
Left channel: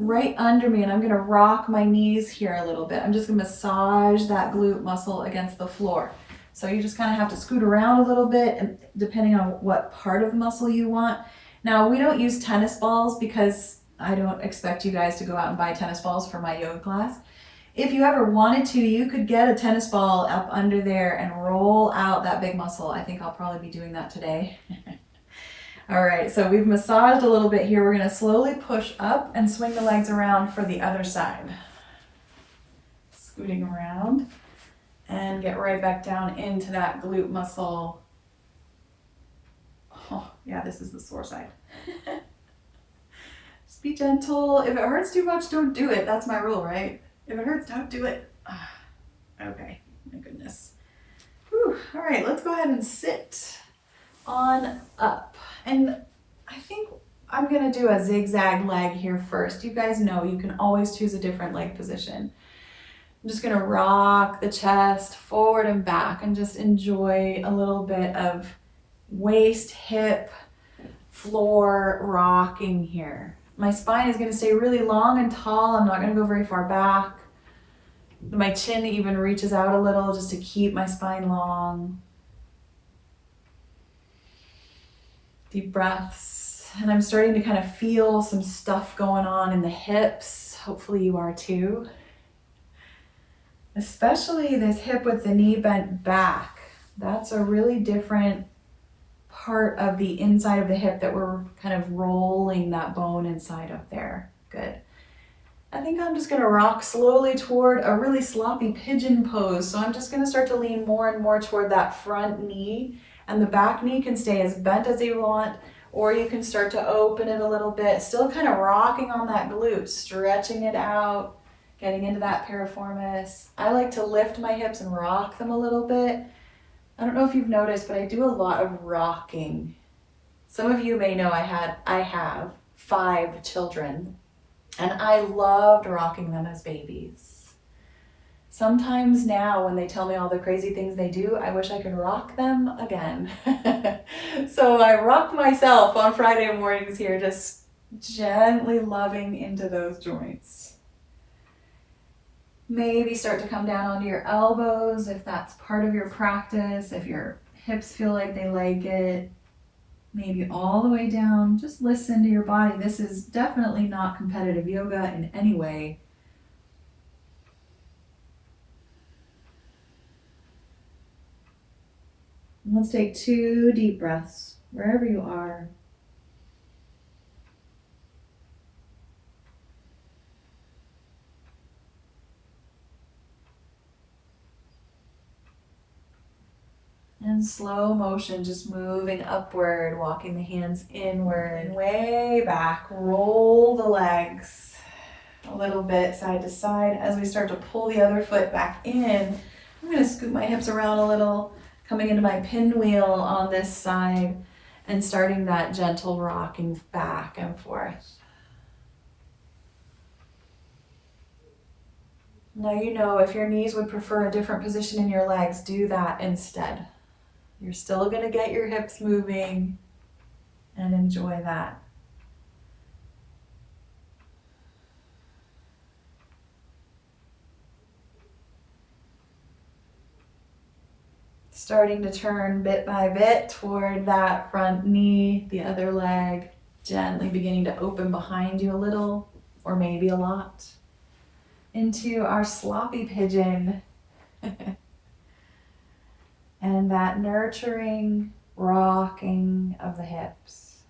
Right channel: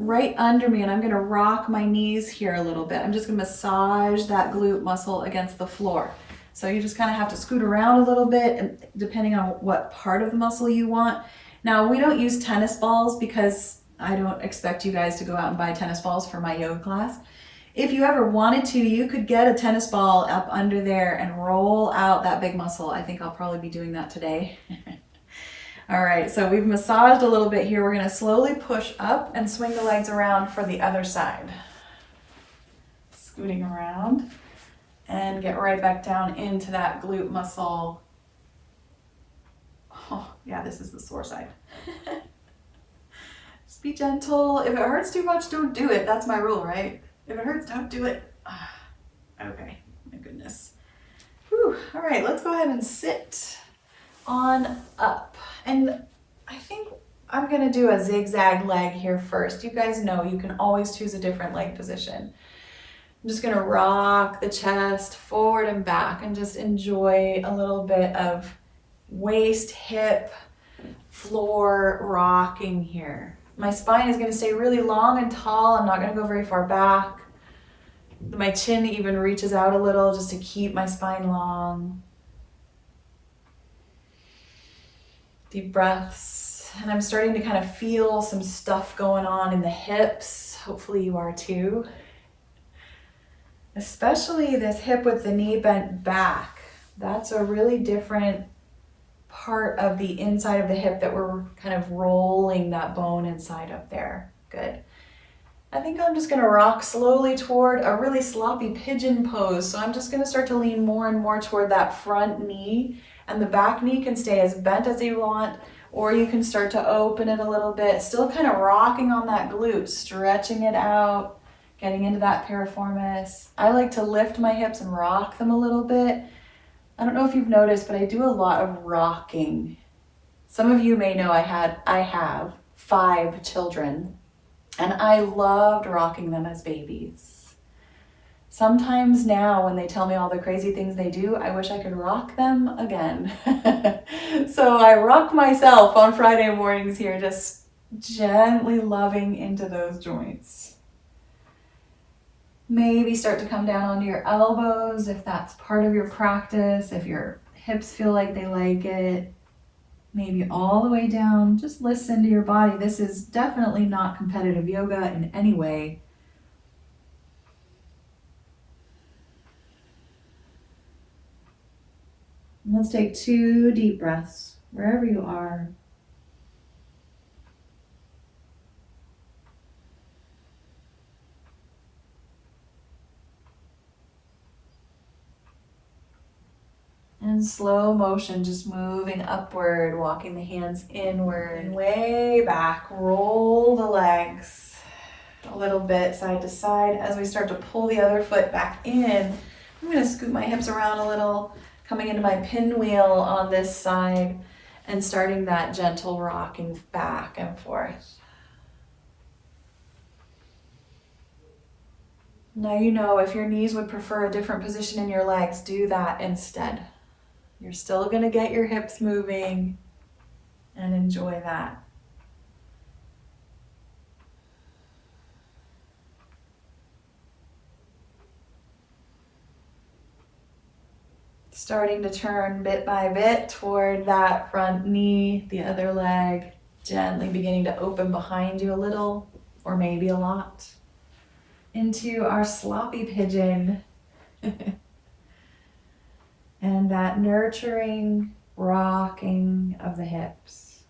right under me, and I'm going to rock my knees here a little bit. I'm just going to massage that glute muscle against the floor. So you just kind of have to scoot around a little bit, and depending on what part of the muscle you want. Now, we don't use tennis balls because I don't expect you guys to go out and buy tennis balls for my yoga class. If you ever wanted to, you could get a tennis ball up under there and roll out that big muscle. I think I'll probably be doing that today. All right, so we've massaged a little bit here. We're going to slowly push up and swing the legs around for the other side. Scooting around and get right back down into that glute muscle. Oh, yeah, this is the sore side. Just be gentle. If it hurts too much, don't do it. That's my rule, right? If it hurts, don't do it. Okay, my goodness. Whew. All right, let's go ahead and sit on up. And I think I'm gonna do a zigzag leg here first. You guys know you can always choose a different leg position. I'm just gonna rock the chest forward and back and just enjoy a little bit of waist, hip, floor rocking here. My spine is gonna stay really long and tall. I'm not gonna go very far back. My chin even reaches out a little just to keep my spine long. Deep breaths. And I'm starting to kind of feel some stuff going on in the hips. Hopefully you are too. Especially this hip with the knee bent back. That's a really different part of the inside of the hip that we're kind of rolling that bone inside up there. Good. I think I'm just gonna rock slowly toward a really sloppy pigeon pose. So I'm just gonna start to lean more and more toward that front knee, and the back knee can stay as bent as you want, or you can start to open it a little bit, still kind of rocking on that glute, stretching it out, getting into that piriformis. I like to lift my hips and rock them a little bit. I don't know if you've noticed, but I do a lot of rocking. Some of you may know I have 5 children, and I loved rocking them as babies. Sometimes now when they tell me all the crazy things they do, I wish I could rock them again. So I rock myself on Friday mornings here, just gently loving into those joints. Maybe start to come down onto your elbows if that's part of your practice, if your hips feel like they like it. Maybe all the way down. Just listen to your body. This is definitely not competitive yoga in any way. Let's take 2 deep breaths wherever you are. And slow motion, just moving upward, walking the hands inward, way back. Roll the legs a little bit side to side. As we start to pull the other foot back in, I'm going to scoot my hips around a little, coming into my pinwheel on this side and starting that gentle rocking back and forth. Now you know if your knees would prefer a different position in your legs, do that instead. You're still going to get your hips moving and enjoy that. Starting to turn bit by bit toward that front knee, the other leg, gently beginning to open behind you a little, or maybe a lot, into our sloppy pigeon. And that nurturing rocking of the hips.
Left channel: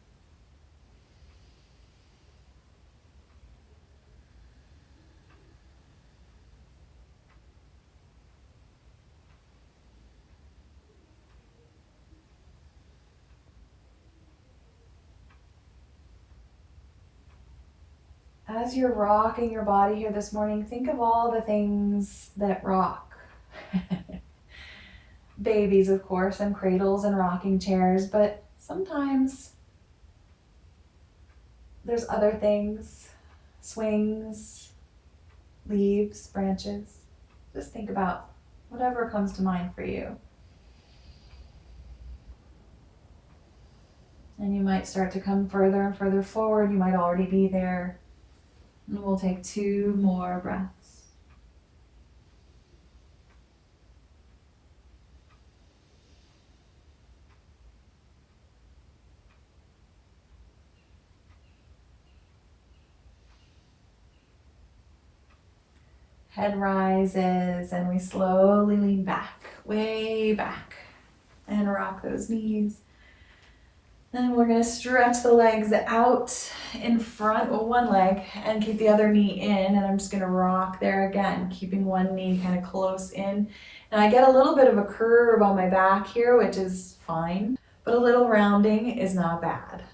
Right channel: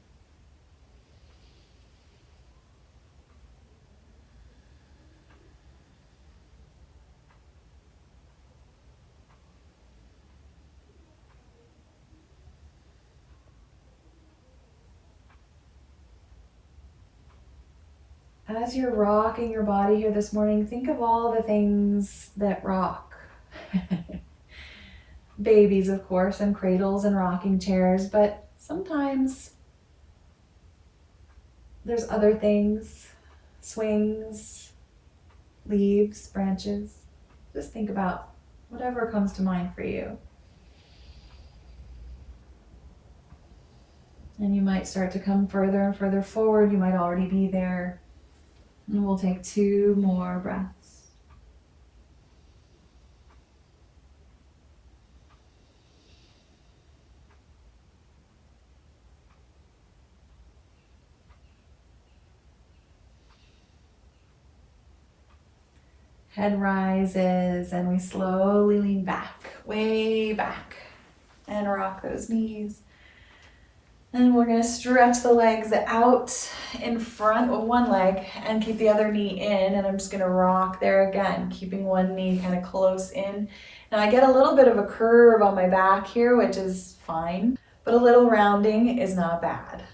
As you're rocking your body here this morning, think of all the things that rock. Babies, of course, and cradles and rocking chairs, but sometimes there's other things, swings, leaves, branches. Just think about whatever comes to mind for you. And you might start to come further and further forward. You might already be there. And we'll take 2 more breaths. Head rises and we slowly lean back, way back, and rock those knees. And we're going to stretch the legs out in front of one leg and keep the other knee in. And I'm just going to rock there again, keeping one knee kind of close in. Now I get a little bit of a curve on my back here, which is fine, but a little rounding is not bad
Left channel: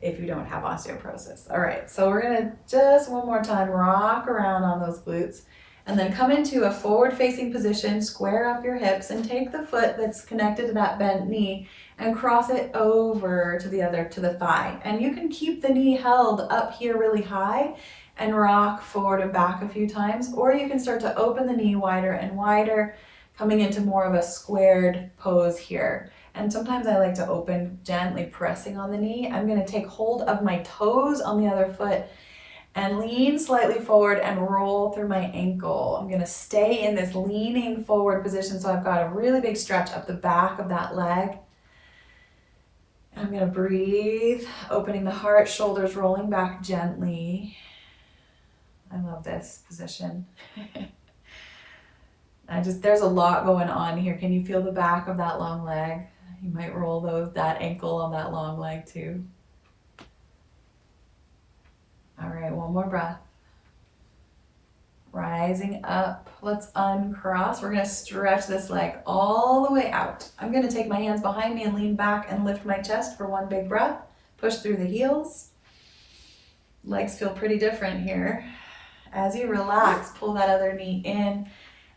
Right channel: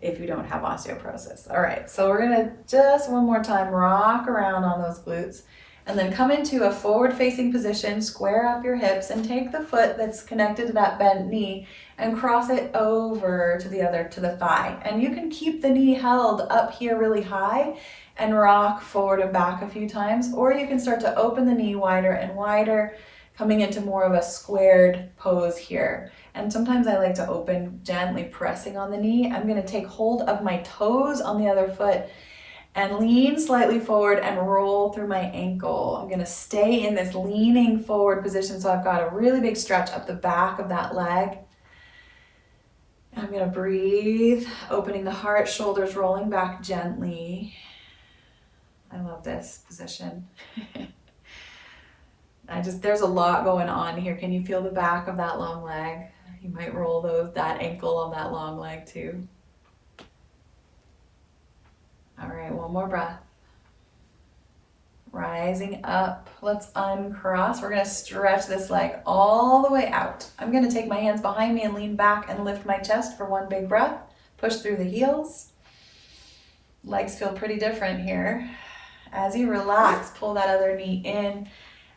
if you don't have osteoporosis. All right, so we're going to just one more time rock around on those glutes. And then come into a forward-facing position, square up your hips, and take the foot that's connected to that bent knee and cross it over to the thigh. And you can keep the knee held up here really high and rock forward and back a few times, or you can start to open the knee wider and wider, coming into more of a squared pose here. And sometimes I like to open, gently pressing on the knee. I'm going to take hold of my toes on the other foot and lean slightly forward and roll through my ankle. I'm going to stay in this leaning forward position, so I've got a really big stretch up the back of that leg. I'm going to breathe, opening the heart, shoulders rolling back gently. I love this position. There's a lot going on here. Can you feel the back of that long leg? You might roll that ankle on that long leg too. All right, one more breath. Rising up, let's uncross. We're gonna stretch this leg all the way out. I'm gonna take my hands behind me and lean back and lift my chest for one big breath. Push through the heels. Legs feel pretty different here. As you relax, pull that other knee in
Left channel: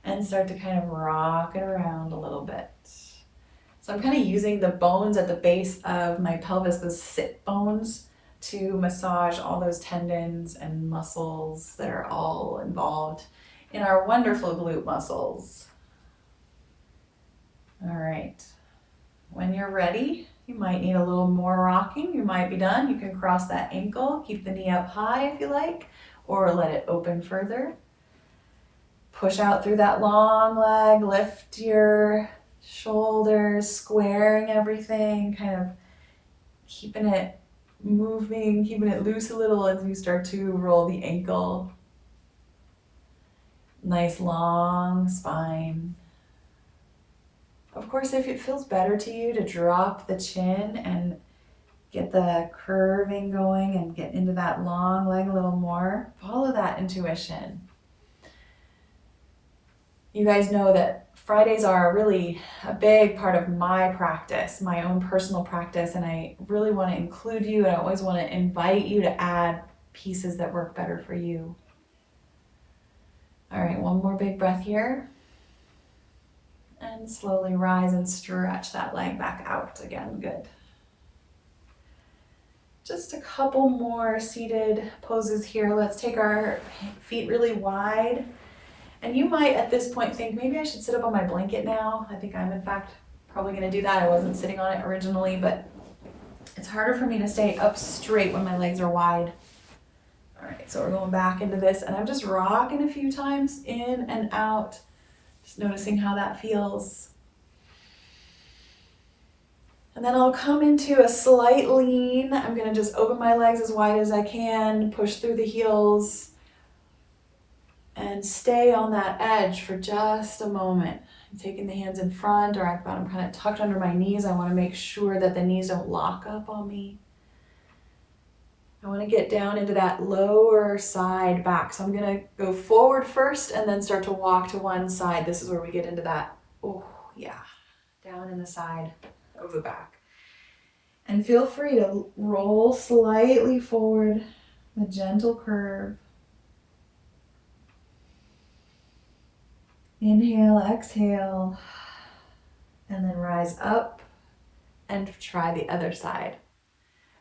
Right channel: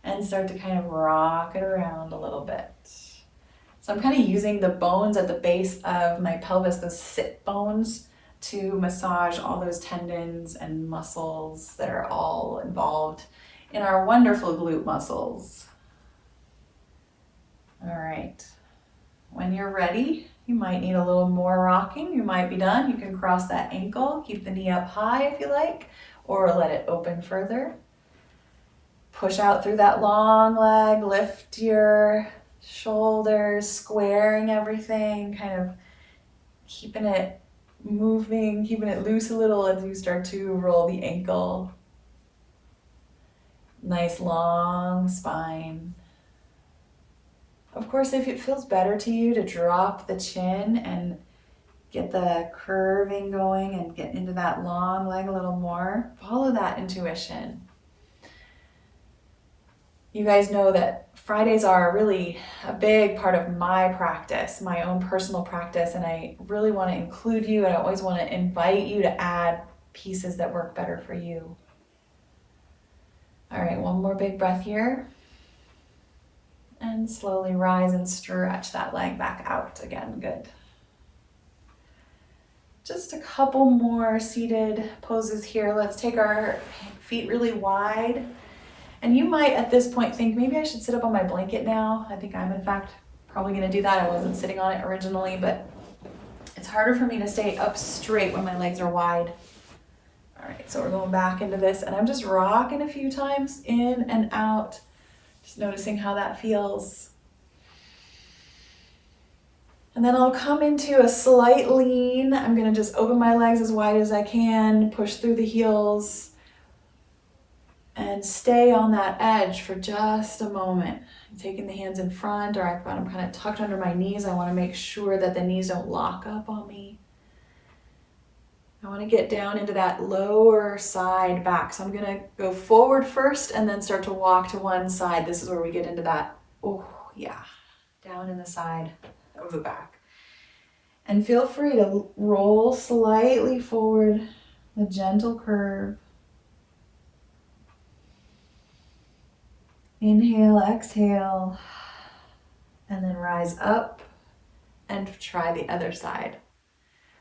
and start to kind of rock it around a little bit. So I'm kind of using the bones at the base of my pelvis, those sit bones, to massage all those tendons and muscles that are all involved in our wonderful glute muscles. All right, when you're ready, you might need a little more rocking. You might be done. You can cross that ankle, keep the knee up high if you like, or let it open further. Push out through that long leg, lift your shoulders, squaring everything, kind of keeping it moving, keeping it loose a little as you start to roll the ankle. Nice long spine. Of course, if it feels better to you to drop the chin and get the curving going and get into that long leg a little more, follow that intuition. You guys know that Fridays are really a big part of my practice, my own personal practice, and I really want to include you, and I always want to invite you to add pieces that work better for you. All right, one more big breath here. And slowly rise and stretch that leg back out again. Good. Just a couple more seated poses here. Let's take our feet really wide. And you might at this point think, maybe I should sit up on my blanket now. I think I'm in fact probably going to do that. I wasn't sitting on it originally, but it's harder for me to stay up straight when my legs are wide. All right, so we're going back into this, and I'm just rocking a few times in and out, just noticing how that feels. And then I'll come into a slight lean. I'm going to just open my legs as wide as I can, push through the heels, and stay on that edge for just a moment. I'm taking the hands in front, or I've got them kind of tucked under my knees. I want to make sure that the knees don't lock up on me. I want to get down into that lower side back. So I'm going to go forward first and then start to walk to one side. This is where we get into that, oh yeah, down in the side of the back. And feel free to roll slightly forward, a gentle curve. Inhale, exhale, and then rise up and try the other side.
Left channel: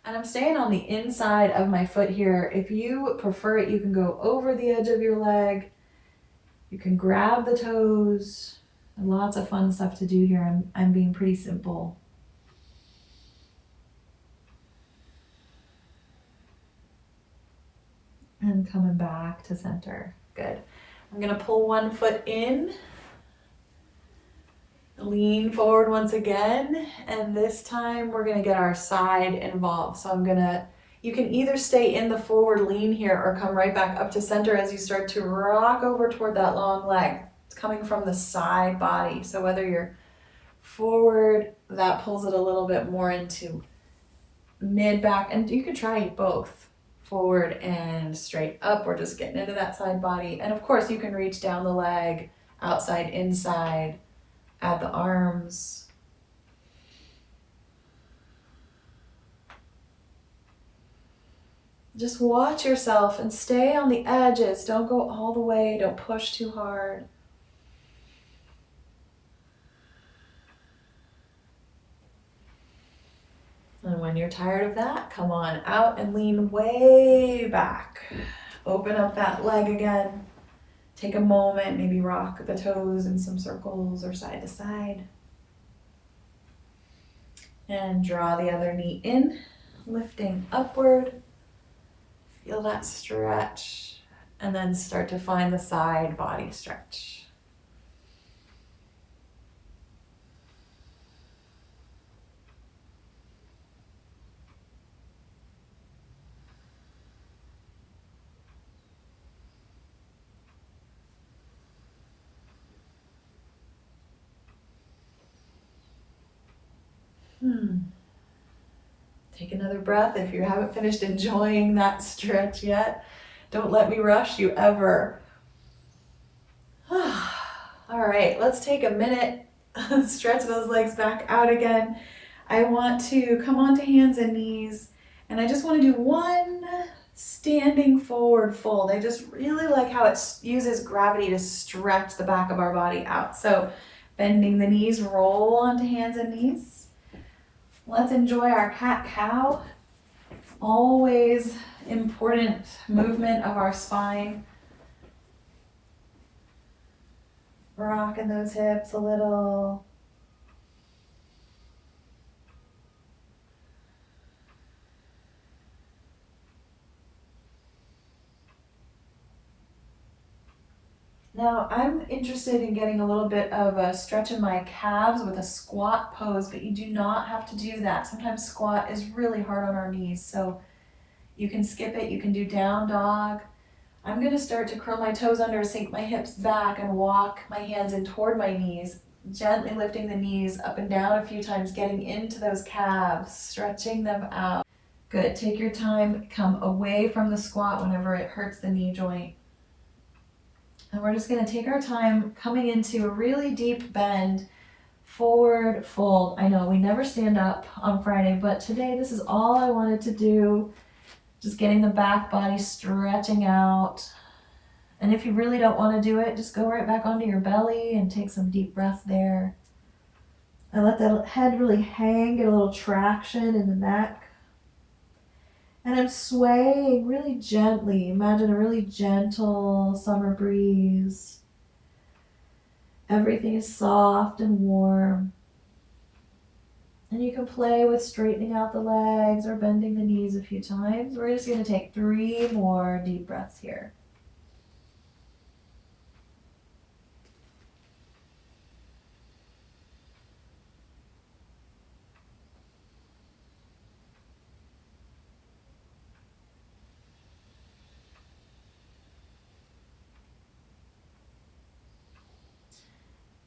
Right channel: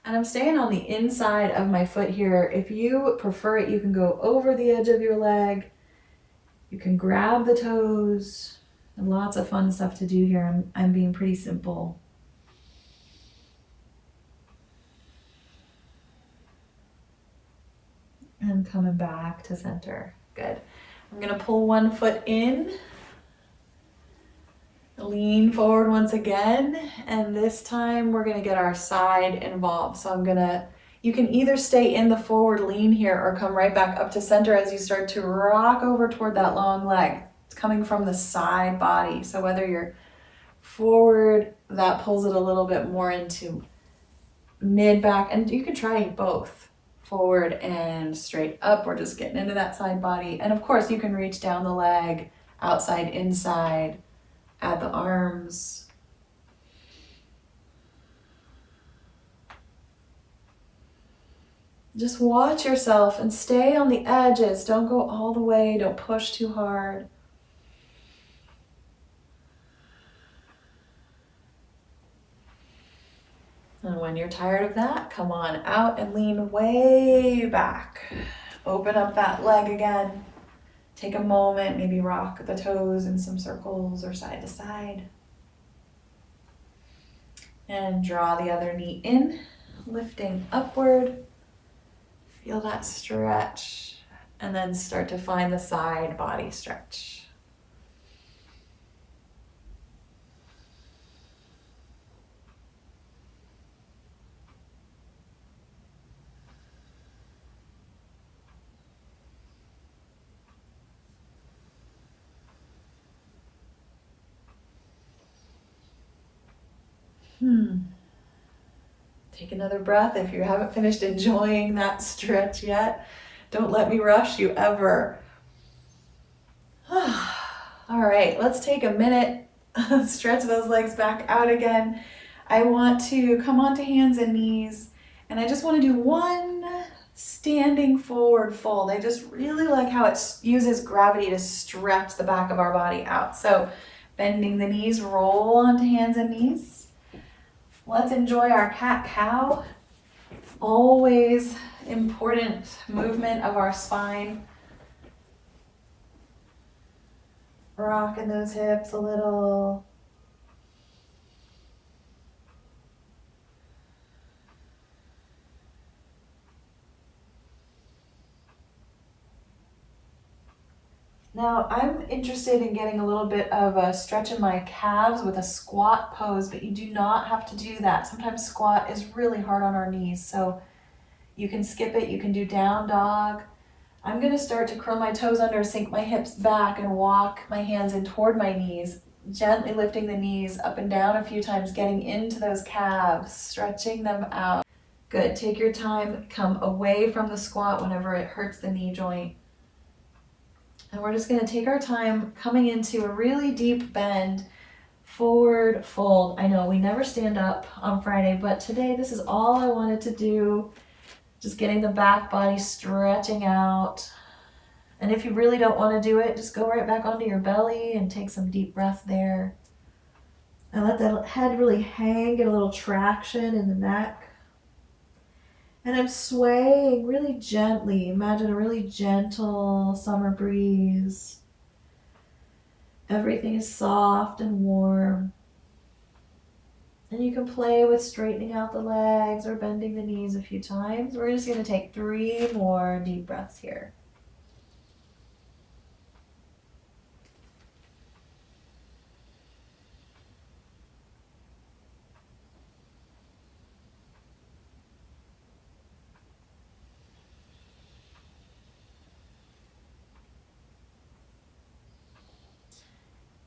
And I'm staying on the inside of my foot here. If you prefer it, you can go over the edge of your leg. You can grab the toes. Lots of fun stuff to do here. I'm being pretty simple. And coming back to center. Good. I'm gonna pull one foot in, lean forward once again, and this time we're gonna get our side involved. So you can either stay in the forward lean here or come right back up to center as you start to rock over toward that long leg. It's coming from the side body. So whether you're forward, that pulls it a little bit more into mid back, and you can try both. Forward and straight up. We're just getting into that side body. And of course, you can reach down the leg, outside, inside, at the arms. Just watch yourself and stay on the edges. Don't go all the way. Don't push too hard. And when you're tired of that, come on out and lean way back. Open up that leg again. Take a moment, maybe rock the toes in some circles or side to side. And draw the other knee in, lifting upward. Feel that stretch. And then start to find the side body stretch. Take another breath if you haven't finished enjoying that stretch yet. Don't let me rush you ever. All right, let's take a minute, stretch those legs back out again. I want to come onto hands and knees, and I just want to do one standing forward fold. I just really like how it uses gravity to stretch the back of our body out. So bending the knees, roll onto hands and knees. Let's enjoy our cat-cow. Always important movement of our spine. Rocking those hips a little. Now, I'm interested in getting a little bit of a stretch in my calves with a squat pose, but you do not have to do that. Sometimes squat is really hard on our knees, so you can skip it. You can do down dog. I'm going to start to curl my toes under, sink my hips back, and walk my hands in toward my knees, gently lifting the knees up and down a few times, getting into those calves, stretching them out. Good. Take your time. Come away from the squat whenever it hurts the knee joint. And we're just going to take our time coming into a really deep bend, forward fold. I know we never stand up on Friday, but today this is all I wanted to do. Just getting the back body stretching out. And if you really don't want to do it, just go right back onto your belly and take some deep breath there. And let that head really hang, get a little traction in the neck. And I'm swaying really gently. Imagine a really gentle summer breeze. Everything is soft and warm. And you can play with straightening out the legs or bending the knees a few times. We're just going to take 3 more deep breaths here.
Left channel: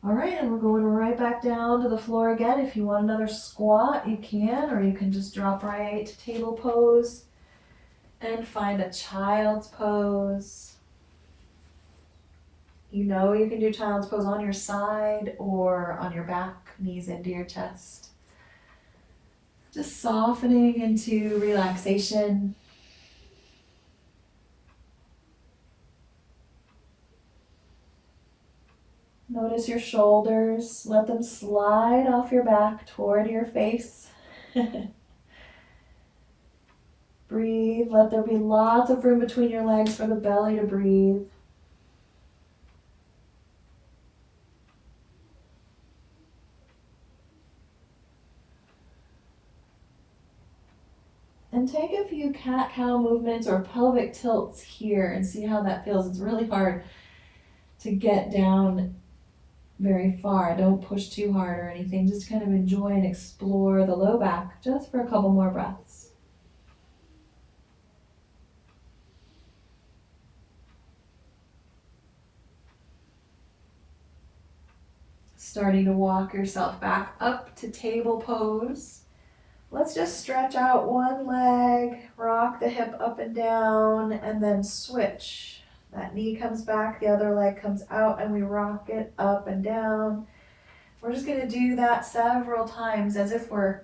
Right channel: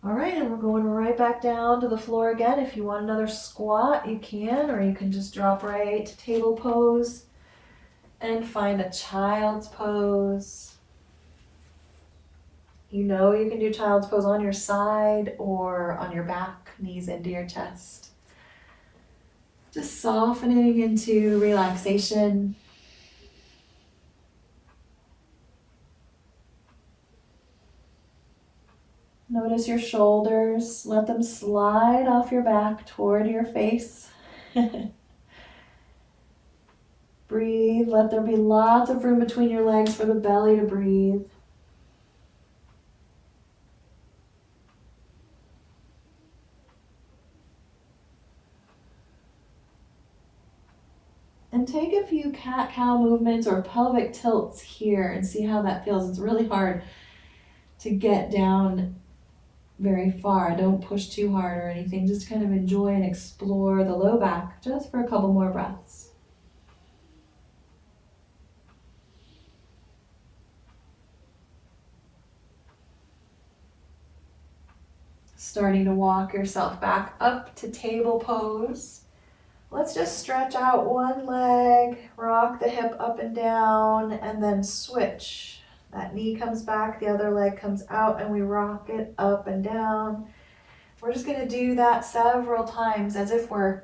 All right, and we're going right back down to the floor again. If you want another squat, you can, or you can just drop right to table pose and find a child's pose. You know you can do child's pose on your side or on your back, knees into your chest. Just softening into relaxation. Notice your shoulders. Let them slide off your back toward your face. Breathe. Let there be lots of room between your legs for the belly to breathe. And take a few cat-cow movements or pelvic tilts here and see how that feels. It's really hard to get down very far. Don't push too hard or anything. Just kind of enjoy and explore the low back just for a couple more breaths. Starting to walk yourself back up to table pose. Let's just stretch out one leg, rock the hip up and down, and then switch. That knee comes back, the other leg comes out, and we rock it up and down. We're just going to do that several times as if we're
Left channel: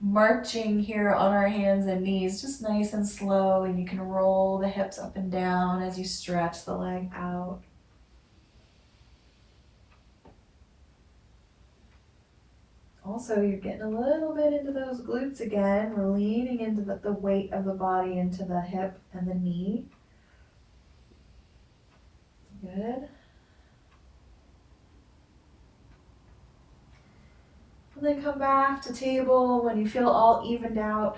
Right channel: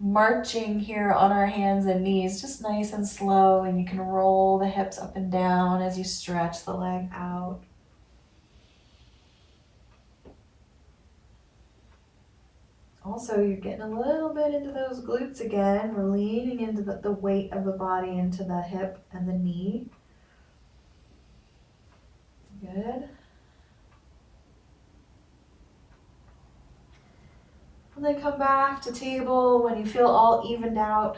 marching here on our hands and knees, just nice and slow, and you can roll the hips up and down as you stretch the leg out. Also, you're getting a little bit into those glutes again. We're leaning into the weight of the body into the hip and the knee. Good. And then come back to table when you feel all evened out.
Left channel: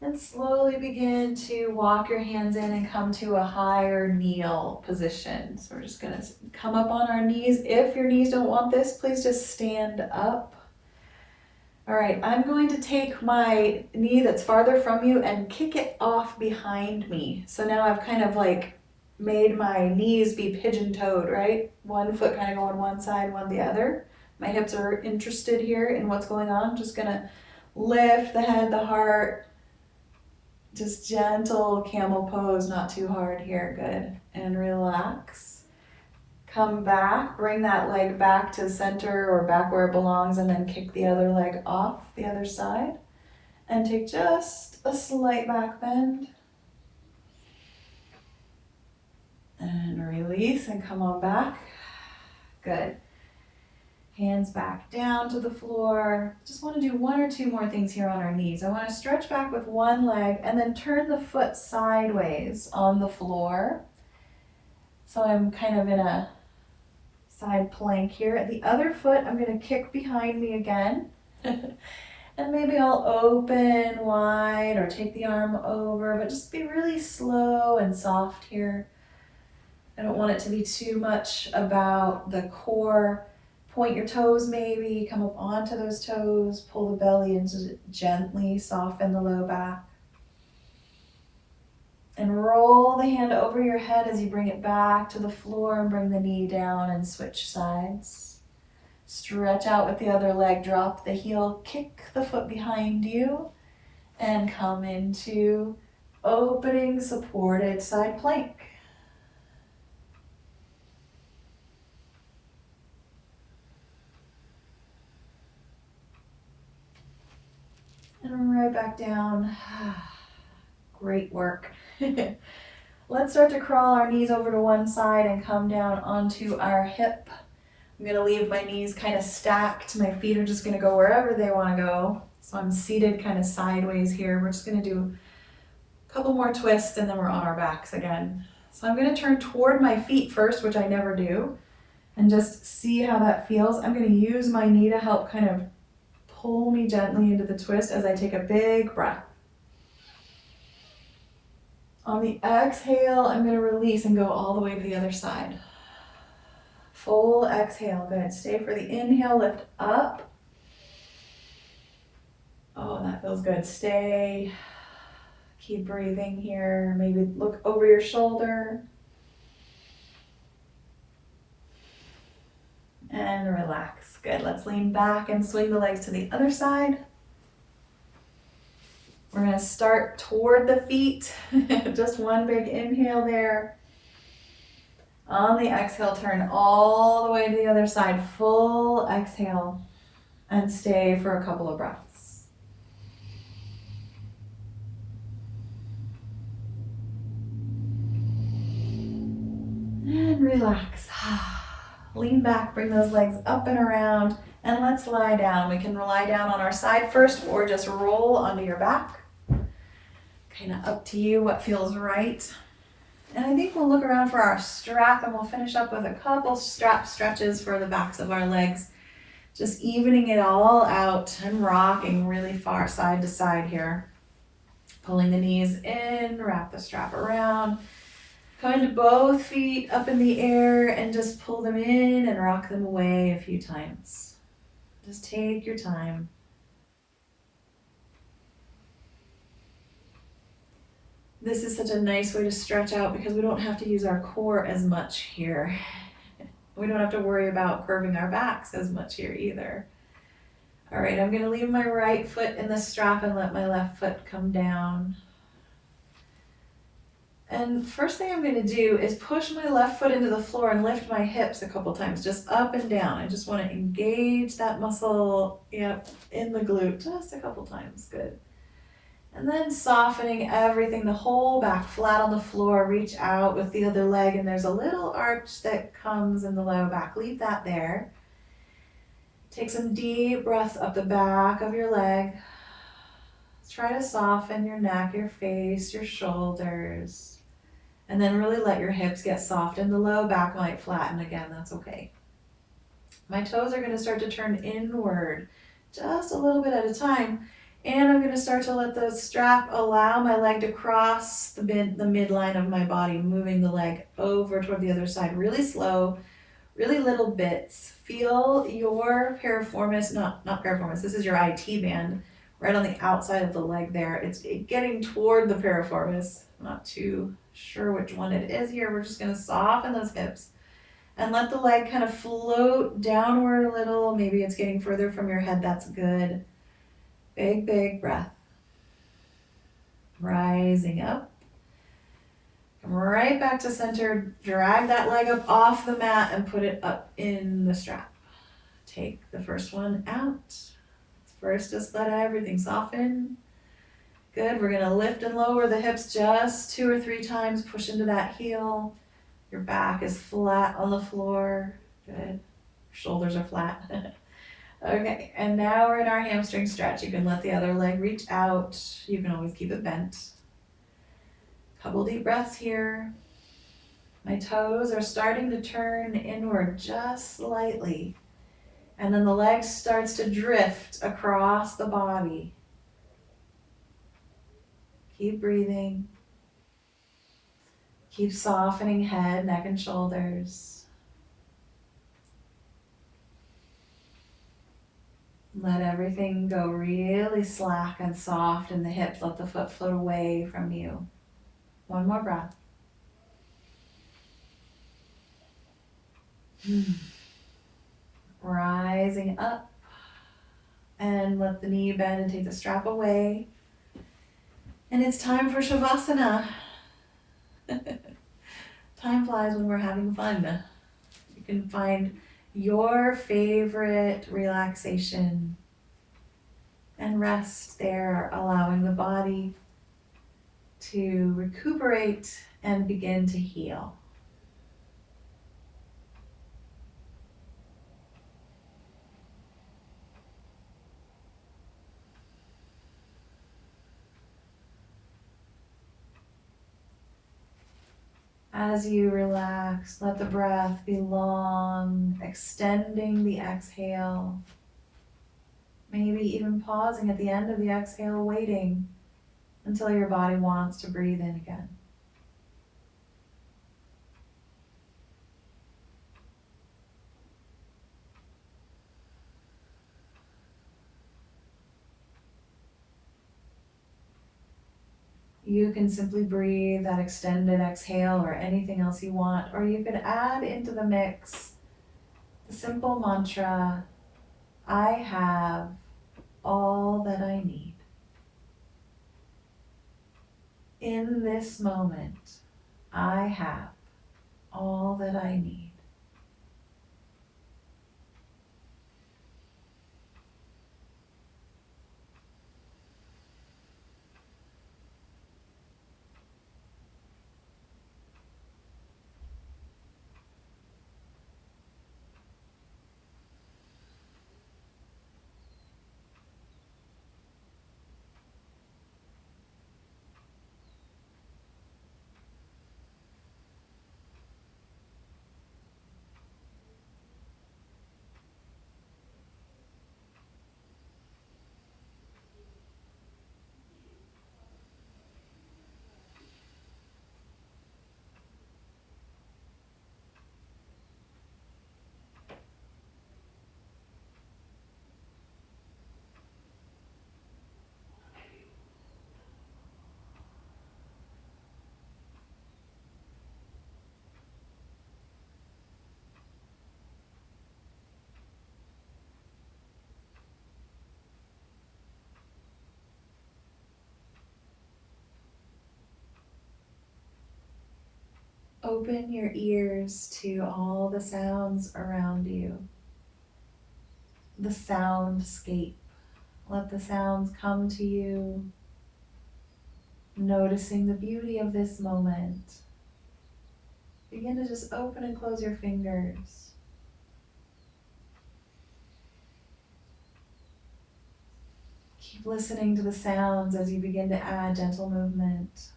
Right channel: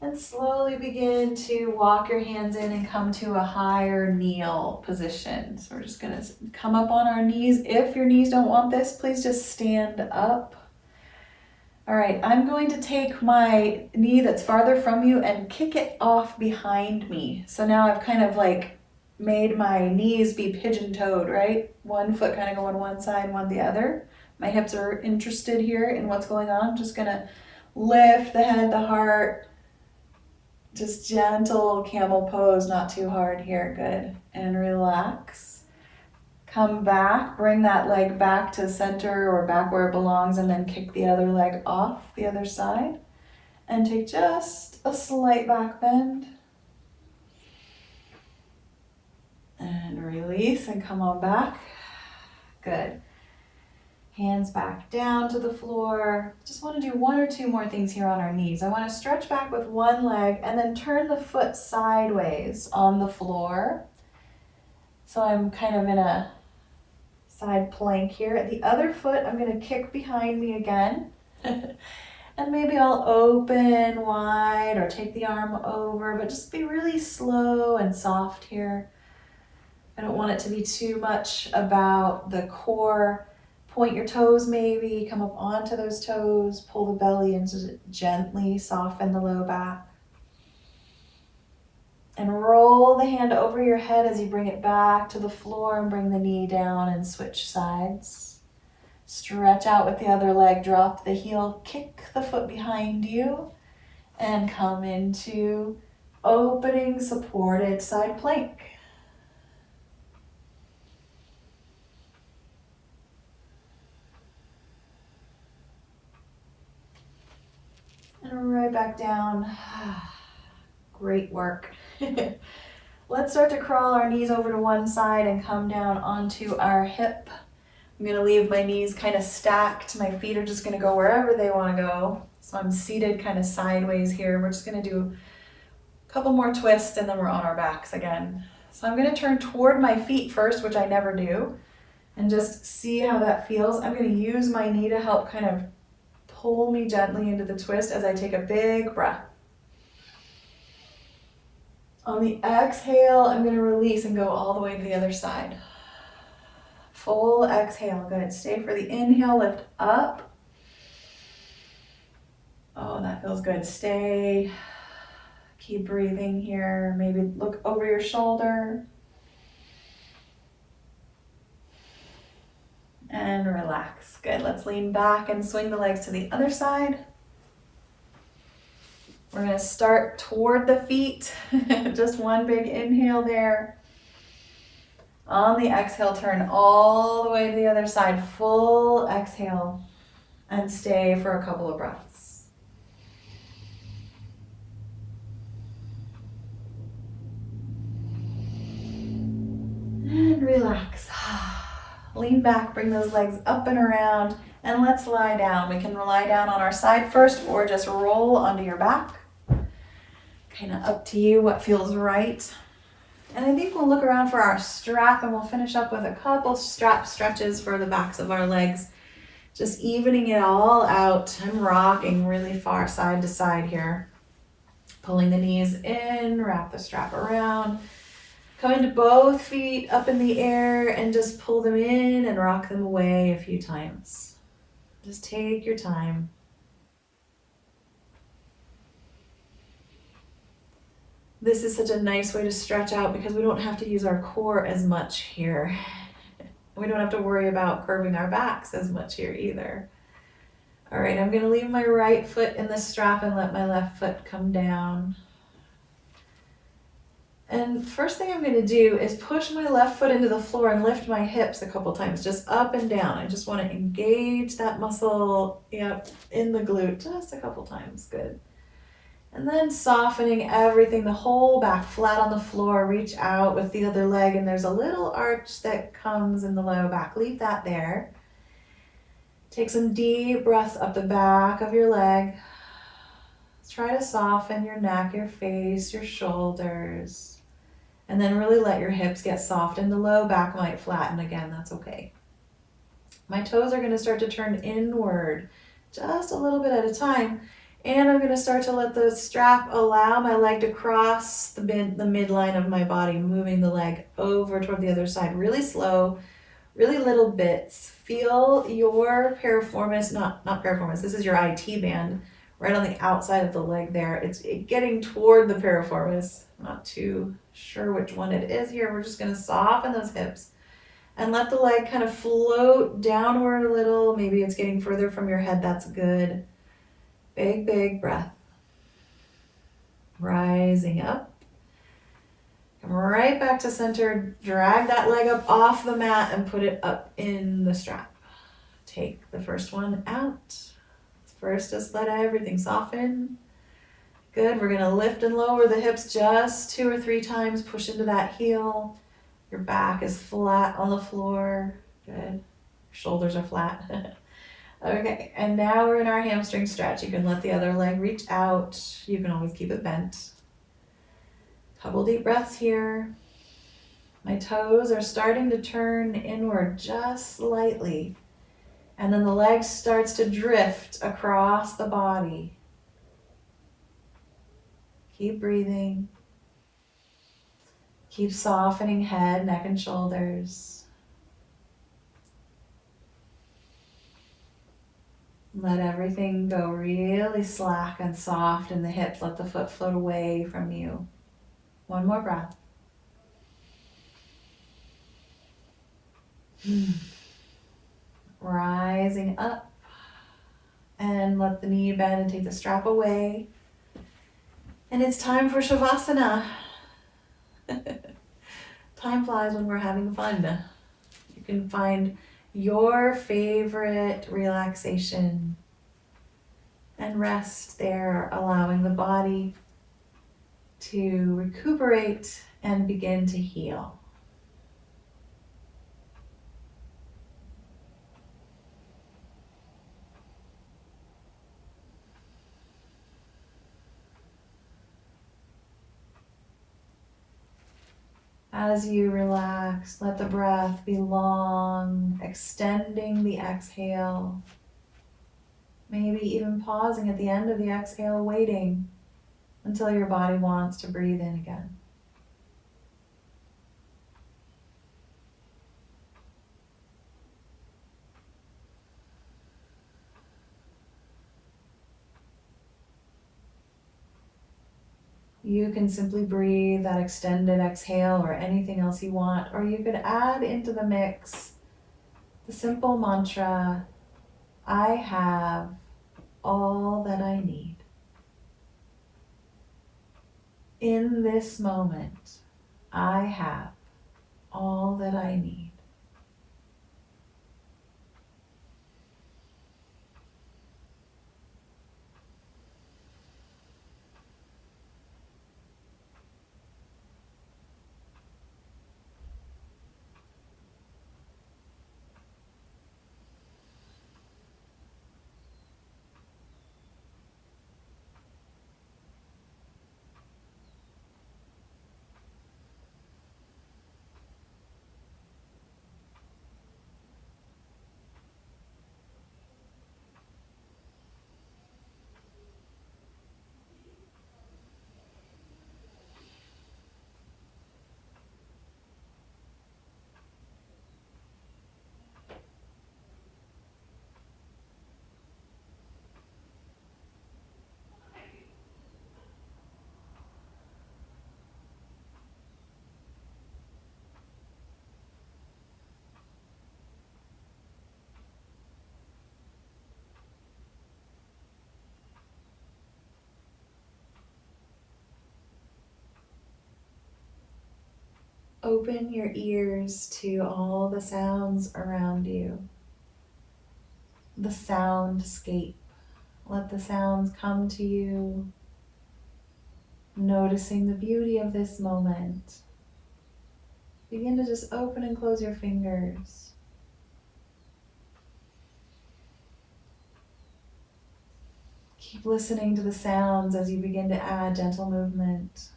And slowly begin to walk your hands in and come to a higher kneel position. So we're just going to come up on our knees. If your knees don't want this, please just stand up. All right, I'm going to take my knee that's farther from you and kick it off behind me. So now I've kind of like made my knees be pigeon-toed, right? One foot kind of going one side, one the other. My hips are interested here in what's going on. I'm just going to lift the head, the heart. Just gentle camel pose, not too hard here. Good. And relax. Come back, bring that leg back to center or back where it belongs, and then kick the other leg off the other side. And take just a slight back bend. And release and come on back. Good. Hands back down to the floor. Just want to do one or two more things here on our knees. I want to stretch back with one leg and then turn the foot sideways on the floor. So I'm kind of in a side plank here. The other foot, I'm going to kick behind me again. And maybe I'll open wide or take the arm over, but just be really slow and soft here. I don't want it to be too much about the core. Point your toes maybe, come up onto those toes, pull the belly in to gently soften the low back. And roll the hand over your head as you bring it back to the floor and bring the knee down and switch sides. Stretch out with the other leg, drop the heel, kick the foot behind you, and come into opening supported side plank. And right back down. Great work. Let's start to crawl our knees over to one side and come down onto our hip. I'm going to leave my knees kind of stacked. My feet are just going to go wherever they want to go. So I'm seated kind of sideways here. We're just going to do a couple more twists and then we're on our backs again. So I'm going to turn toward my feet first, which I never do, and just see how that feels. I'm going to use my knee to help kind of pull me gently into the twist as I take a big breath. On the exhale, I'm going to release and go all the way to the other side. Full exhale. Good. Stay for the inhale. Lift up. Oh, that feels good. Stay. Keep breathing here. Maybe look over your shoulder. And relax. Good. Let's lean back and swing the legs to the other side. We're going to start toward the feet. Just one big inhale there. On the exhale, turn all the way to the other side. Full exhale. And stay for a couple of breaths. And relax. Lean back, bring those legs up and around, and let's lie down. We can lie down on our side first or just roll onto your back. Kind of up to you what feels right. And I think we'll look around for our strap and we'll finish up with a couple strap stretches for the backs of our legs. Just evening it all out. I'm rocking really far side to side here. Pulling the knees in, wrap the strap around. Come into both feet up in the air and just pull them in and rock them away a few times. Just take your time. This is such a nice way to stretch out because we don't have to use our core as much here. We don't have to worry about curving our backs as much here either. All right, I'm gonna leave my right foot in the strap and let my left foot come down. And first thing I'm gonna do is push my left foot into the floor and lift my hips a couple times, just up and down. I just wanna engage that muscle, in the glute, just a couple times, good. And then softening everything, the whole back flat on the floor, reach out with the other leg, and there's a little arch that comes in the low back. Leave that there. Take some deep breaths up the back of your leg. Try to soften your neck, your face, your shoulders. And then really let your hips get soft, and the low back might flatten again, that's okay. My toes are gonna start to turn inward, just a little bit at a time. And I'm gonna start to let the strap allow my leg to cross the midline of my body, moving the leg over toward the other side, really slow, really little bits. Feel your piriformis, not piriformis, this is your IT band, right on the outside of the leg there. It's getting toward the piriformis. I'm not too sure which one it is here. We're just gonna soften those hips and let the leg kind of float downward a little. Maybe it's getting further from your head, that's good. Big, big breath. Rising up. Come right back to center. Drag that leg up off the mat and put it up in the strap. Take the first one out. First, just let everything soften. Good. We're going to lift and lower the hips just 2 or 3 times. Push into that heel. Your back is flat on the floor. Good. Shoulders are flat. Okay, and now we're in our hamstring stretch. You can let the other leg reach out. You can always keep it bent. Couple deep breaths here. My toes are starting to turn inward just slightly. And then the leg starts to drift across the body. Keep breathing. Keep softening head, neck, and shoulders. Let everything go really slack and soft in the hips. Let the foot float away from you. One more breath. Rising up. And let the knee bend and take the strap away. And it's time for Savasana. Time flies when we're having fun. You can find your favorite relaxation and rest there, allowing the body to recuperate and begin to heal. As you relax, let the breath be long, extending the exhale. Maybe even pausing at the end of the exhale, waiting until your body wants to breathe in again. You can simply breathe that extended exhale or anything else you want, or you could add into the mix the simple mantra, I have all that I need. In this moment, I have all that I need. open your ears to all the sounds around you, the soundscape. Let the sounds come to you, noticing the beauty of this moment. Begin to just open and close your fingers. Keep listening to the sounds as you begin to add gentle movement.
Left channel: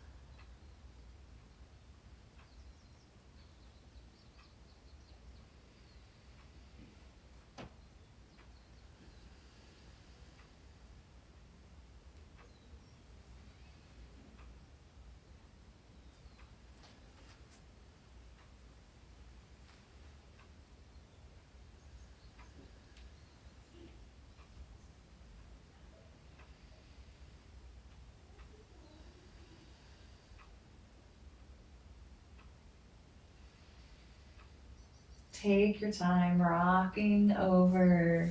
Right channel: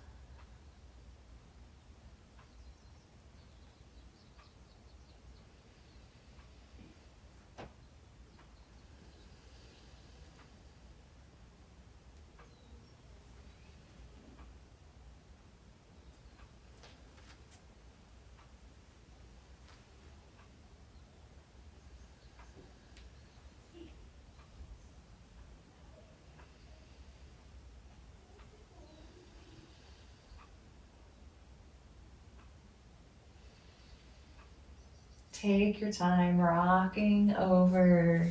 Take your time rocking over,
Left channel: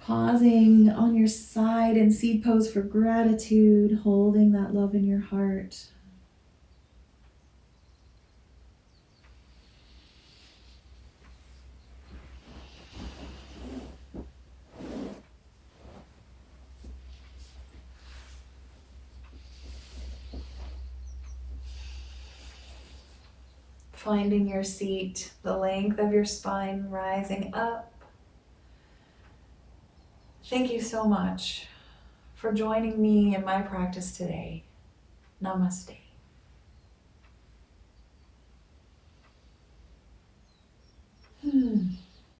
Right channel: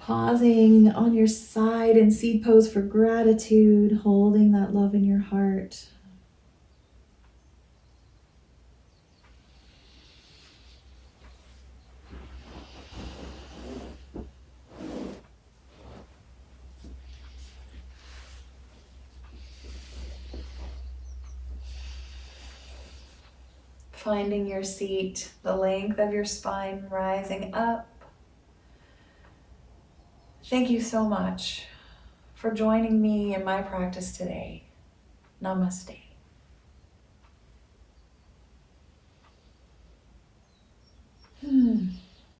pausing on your side in seed pose for gratitude, holding that love in your heart. Finding your seat, the length of your spine rising up. Thank you so much for joining me in my practice today. Namaste.